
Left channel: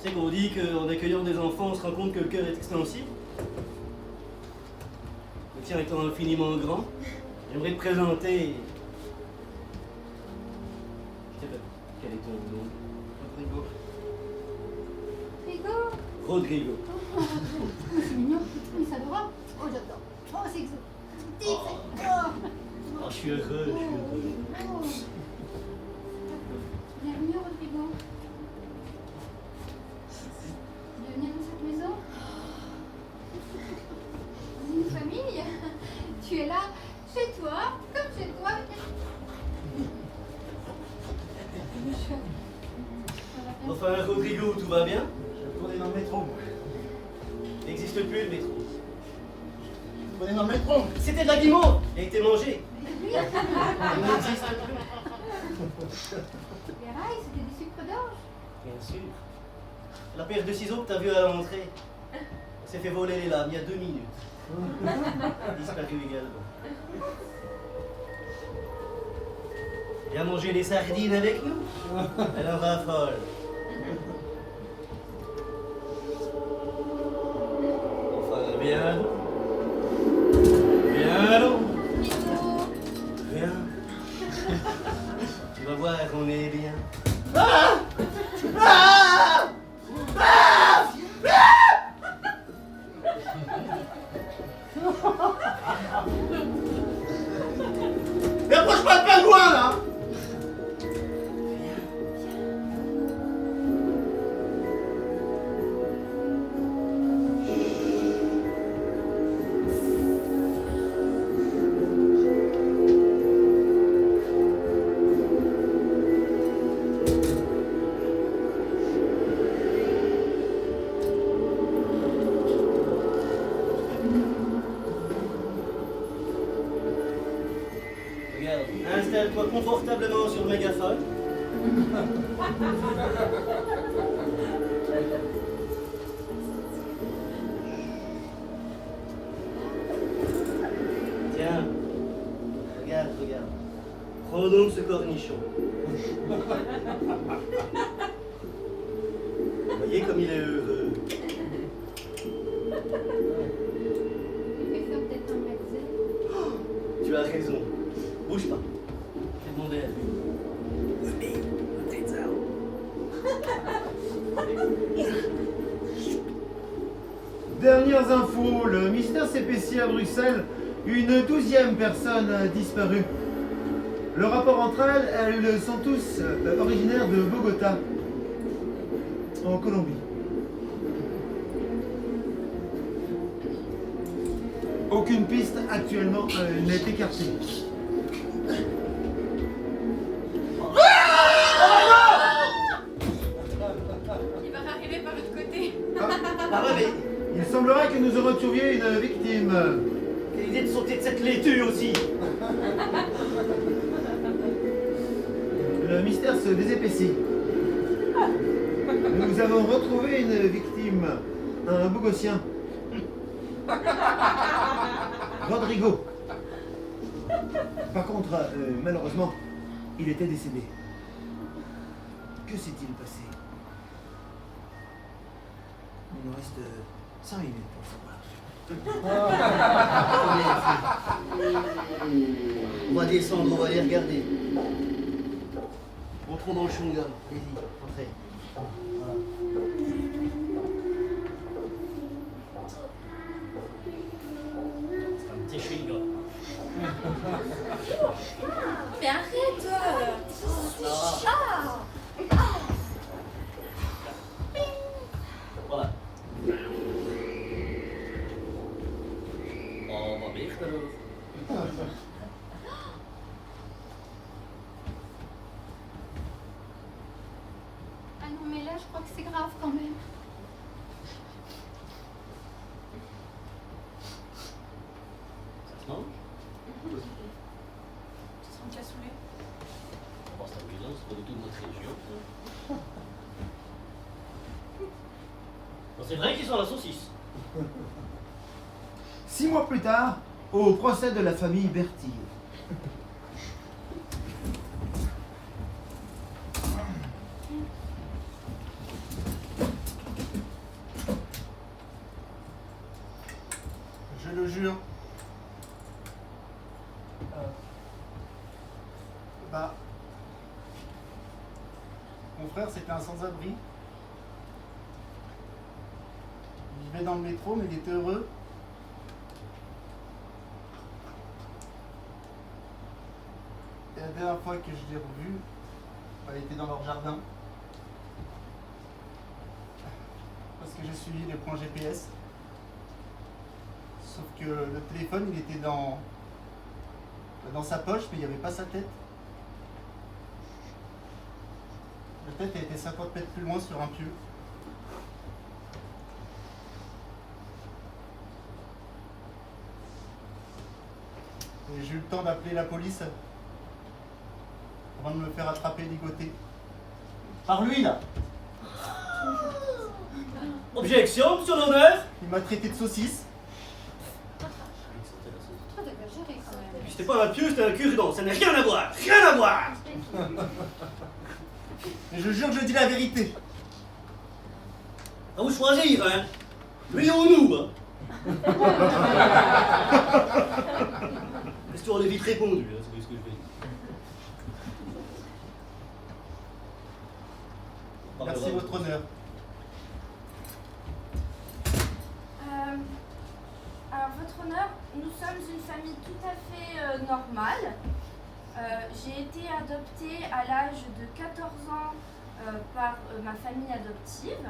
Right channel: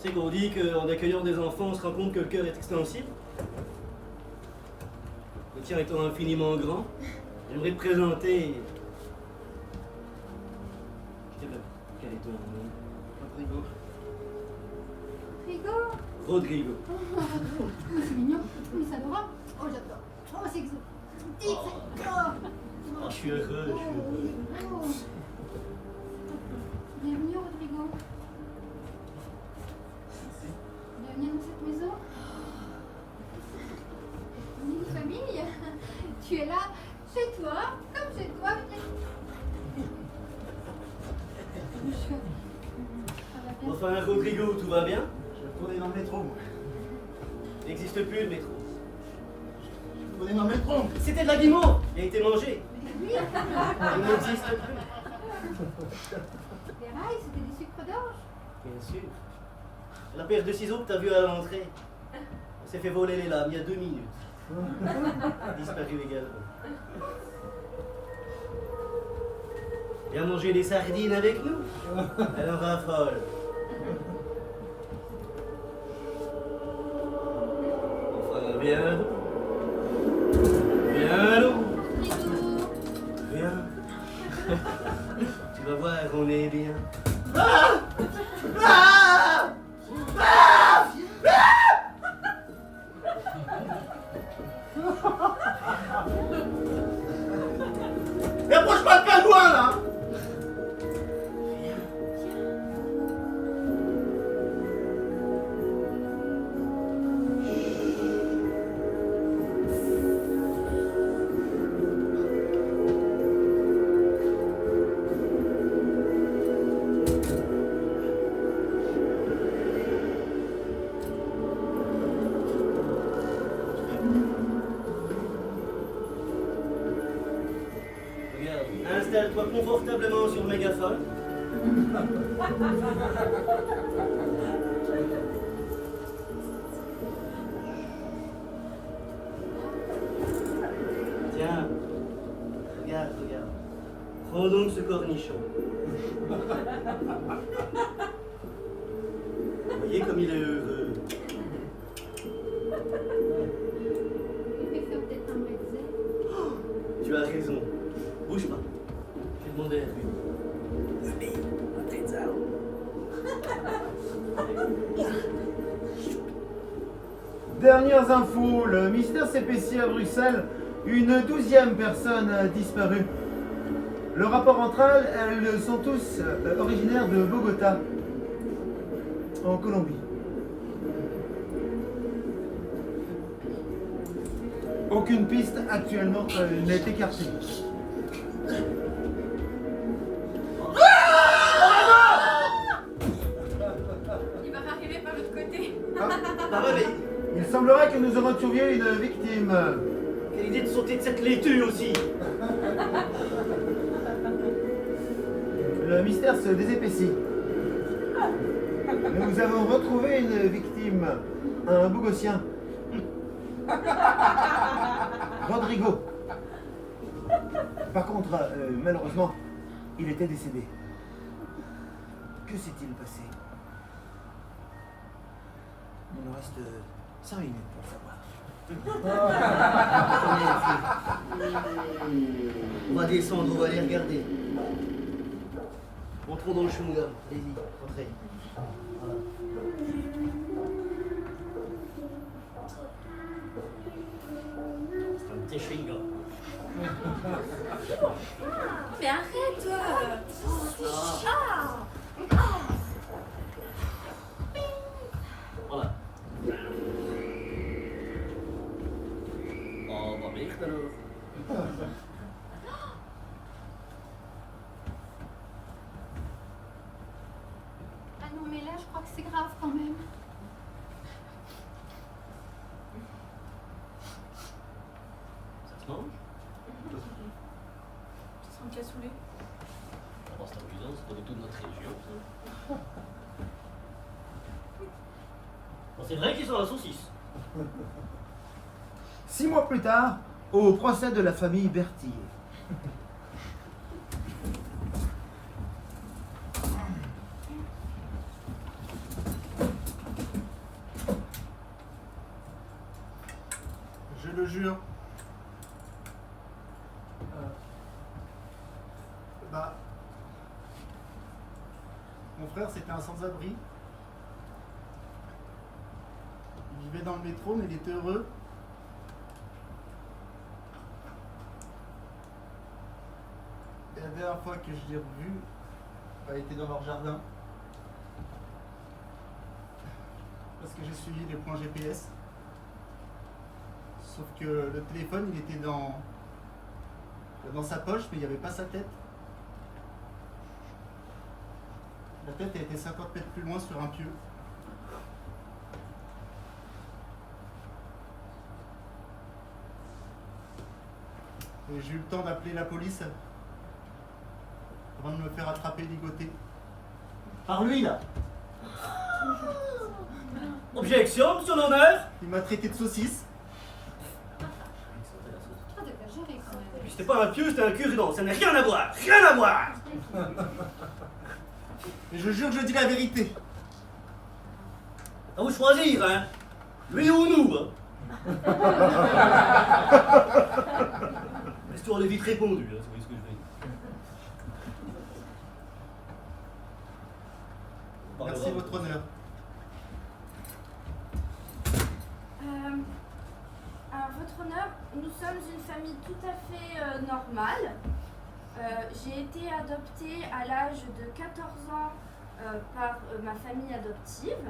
C'est qu'on dit qu'en accueillant des enfants, on se rend compte que le cœur est extensible. Le tien étant infiniment grand, j'aimerais te présenter. Je sais pas, quel est ton nom? Rodrigo. Rigo. Rodrigo. Oh, c'est mignon. Oui, c'est adorable. Oh, j'adore. Oh, c'est exotique. Oh, je suis heureux, je suis heureux. Oh. Bienvenue, Rodrigo. Bienvenue dans cette maison. On est une famille. Tu es là, chez toi, comme chez toi. Enfin, Rodrigo, tout va bien? Je tournais dans le métro, moi. Il n'existe plus le métro. Je tournais dans le métro. C'était de la guimauve, il a été mangé. Oui. Il n'existe plus. Les rails, c'était du sucre d'orge. Bien sûr. La paire de ciseaux que tu as vue à l'entrée, elle s'est fait voler les lames il y a 2 minutes. Elle a disparu également. Viens manger des sardines avec nous. Elle en raffole. Enfin, viens donc. Viens donc. Viens. Tu vas voir, on est bien. Ah! Ah! Ah! Et approche pas le pingouin, là! Regarde, installe-toi confortablement sur le mégaphone. Tiens, regarde, regarde. Prends donc ce cornichon. Vous voyez comme il est heureux. Il fait peut-être un bretzel. Tu as raison. Bouge pas. Je vais demander à lui. Dernières infos, le mystère s'épaissit à Bruxelles. Une 12e personne a disparu. Le rapport entre elles, elles sont tous originaires de Bogota, en Colombie. Aucune piste actuellement n'est écartée. Il va arriver par l'autre côté. Ah ouais, mais Il semblerait que nous aurons trouvé une victime. quelle idée de sauter de cette laitue aussi. Le mystère se désépaissit. Nous avons retrouvé une victime, un Bogossien. Rodrigo. Par contre, malheureusement, il était décédé. Que s'est-il passé? Il nous reste 5 minutes pour savoir. On va descendre, on va les regarder. Entrons dans le chewing-gum. Allez-y, entrez. Voilà. C'est un petit chewing-gum. Mais arrête! Ça va. Echt alors. Ah non, mais là, je crois que c'est grave quand même. Ça se mange? Tu sens que t'as saoulé. D'abord, c'est amusant, c'est pas du tout de notre région. Ça. Bon, c'est vrai qu'ils sont la saucisse. 6 mois plus tard, au procès de la famille Berthier. Je le jure. Mon frère, c'était un sans-abri. Il vivait dans le métro, mais il était heureux. Et la dernière fois que je l'ai revu, elle était dans leur jardin. Parce que j'ai suivi les points GPS. Sauf que le téléphone, il était dans sa poche, mais il n'y avait pas sa tête. La tête elle était 50 mètres plus loin sur un pieu. Et j'ai eu le temps d'appeler la police avant de me faire attraper, ligoté. Par lui, là. Objection, sur l'honneur. Il m'a traité de saucisse. Oh, t'as bien géré quand même. C'était pas un pieu, c'était un cure-dent. Ça n'a rien à voir. Rien à voir. Et je jure que je dis la vérité. À vous choisir, hein. Lui ou nous, hein. L'histoire est vite répondue, hein, c'est ce que je veux dire. Merci, votre honneur. Alors, votre honneur, nous sommes une famille tout à fait normale. J'ai été adoptée à l'âge de 14 ans par ma famille adoptive,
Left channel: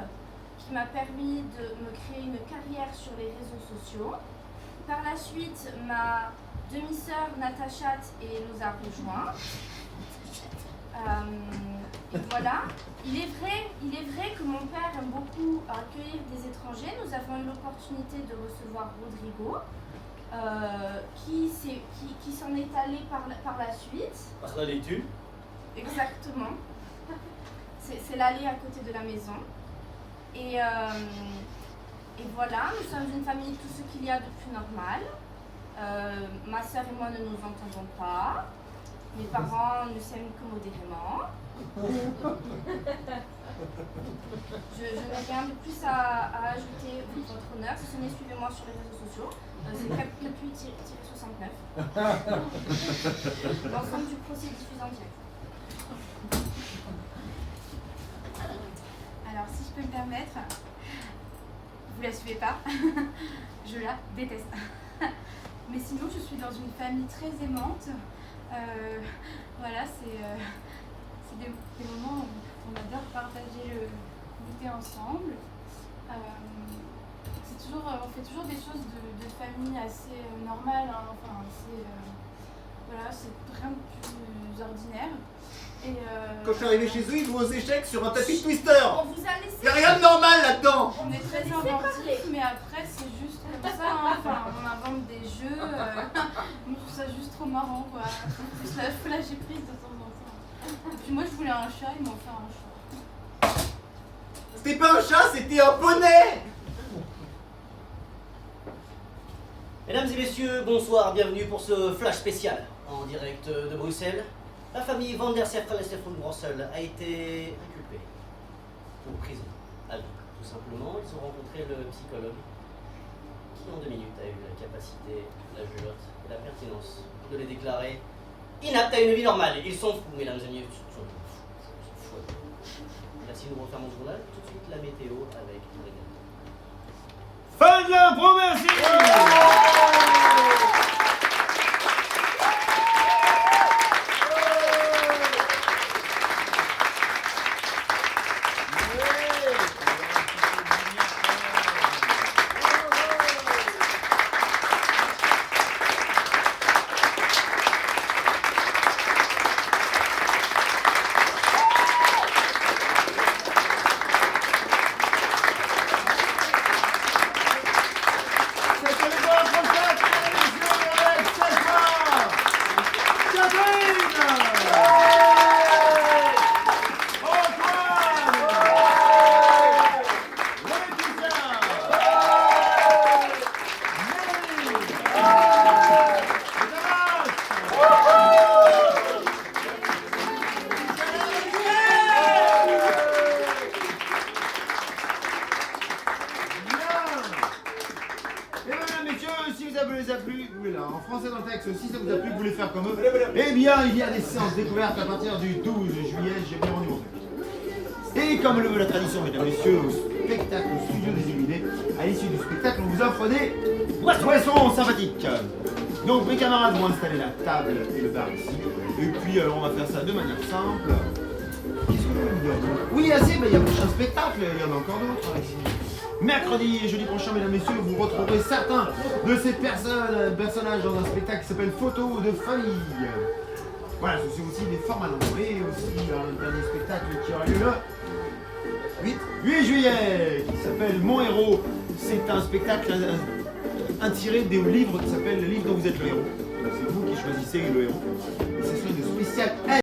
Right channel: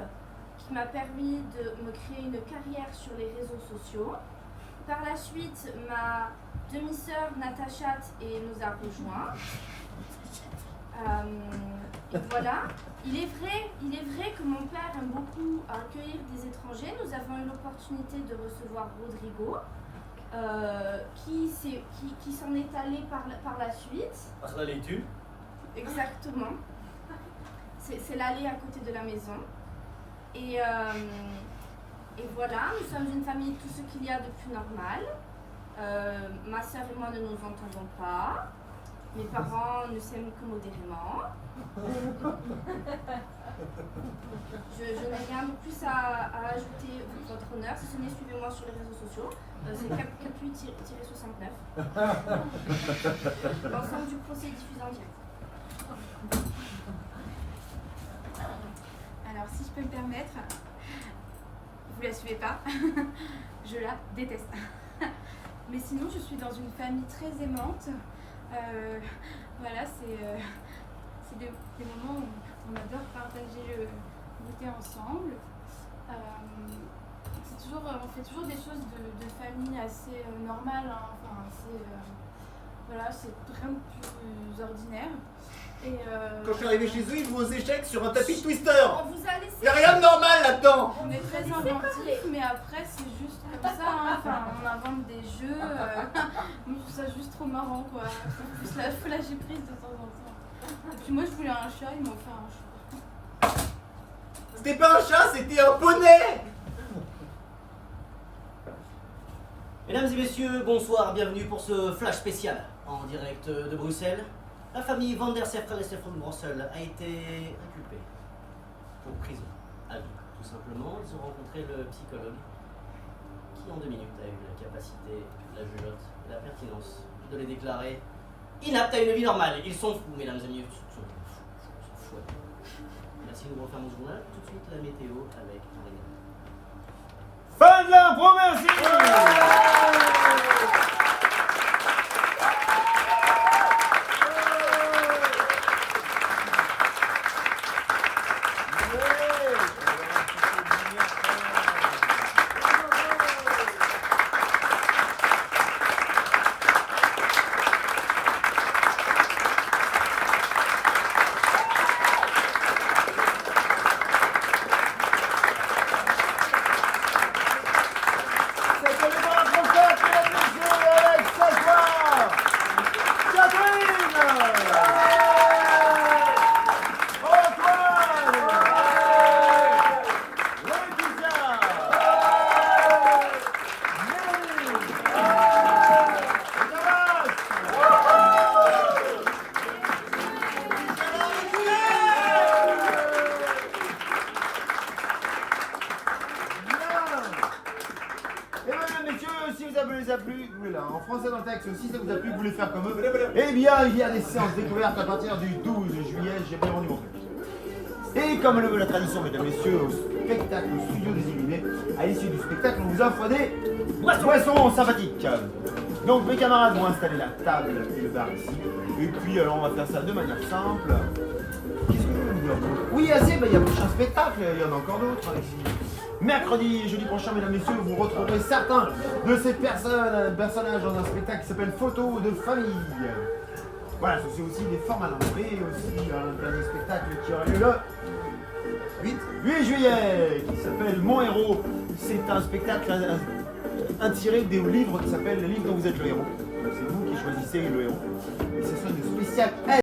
qui m'a permis de me créer une carrière sur les réseaux sociaux. Par la suite, ma demi-sœur Natacha nous a rejoints. Et voilà. Il est vrai que mon père aime beaucoup accueillir des étrangers. Nous avons eu l'opportunité de recevoir Rodrigo, qui s'en est allé par la suite. Par la laitue. Exactement. C'est l'allée à côté de la maison. Et voilà, nous sommes une famille, tout ce qu'il y a de plus normal. Ma sœur et moi ne nous entendons pas. Mes parents ne s'aiment que modérément. Je n'ai rien de plus à ajouter, votre honneur, si ce n'est suivez-moi sur les réseaux sociaux. C'est 4-8-69. L'ensemble du procès est diffusé en direct. Alors, si je peux me permettre, vous la suivez pas, je la déteste. Mais sinon, je suis dans une famille très aimante. Voilà, c'est des moments où on adore partager le goûter ensemble. On fait toujours des choses de famille assez normales, hein. Enfin, voilà, c'est rien de plus ordinaire. Et Quand je suis arrivé chez eux, ils jouent aux échecs sur un tapis de Twister. On vous a laissé. Y'a rien de normal là-dedans. on est très inventifs, mais après c'est juste comme ça, hein. Enfin, on invente des jeux, on trouve ça juste trop marrant, quoi. Faut lâcher prise de temps en temps. Et puis moi je voulais un chat, ils m'ont offert un chat. C'était pas un chat, c'était un poney. Mesdames et messieurs, bonsoir, bienvenue pour ce flash spécial en direct de Bruxelles. La famille Van der Serfel et Stefan Brossel a été inculpée pour prison à vie, tout simplement. Ils ont rencontré le psychologue qui en 2 minutes a eu la capacité, la jugeote et la pertinence de les déclarer inaptes à une vie normale. Ils sont fous, mesdames et messieurs, ils sont fous. Merci, nous refermons le journal. Tout de suite, la météo avec René. Fin de l'impro, merci. si vous a plu, voilà, en français dans le texte, si ça vous a plu, vous voulez faire comme eux, eh bien, il y a des séances découvertes à partir du 12 juillet, j'ai bien rendu mon truc. Et comme le veut la tradition, mesdames et messieurs, au spectacle, au studio des Illuminés, à l'issue du spectacle, on vous offre des boissons sympathiques. Donc mes camarades vont installer la table et le bar ici. Et puis alors on va faire ça de manière simple. Qu'est-ce que vous voulez me dire? Oui, assez, il y a un prochain spectacle, il y en a encore d'autres, Alexis. Mercredi et jeudi prochain, mesdames et messieurs, vous retrouverez certains de ces personnages dans un spectacle qui s'appelle Photos de famille. Voilà, c'est aussi des formats longs. Et aussi un dernier spectacle qui aura lieu le 8 juillet, qui s'appelle Mon héros. C'est un spectacle inspiré des livres qui s'appelle Le livre dont vous êtes le héros. C'est vous qui choisissez le héros. Et ce sont une spéciale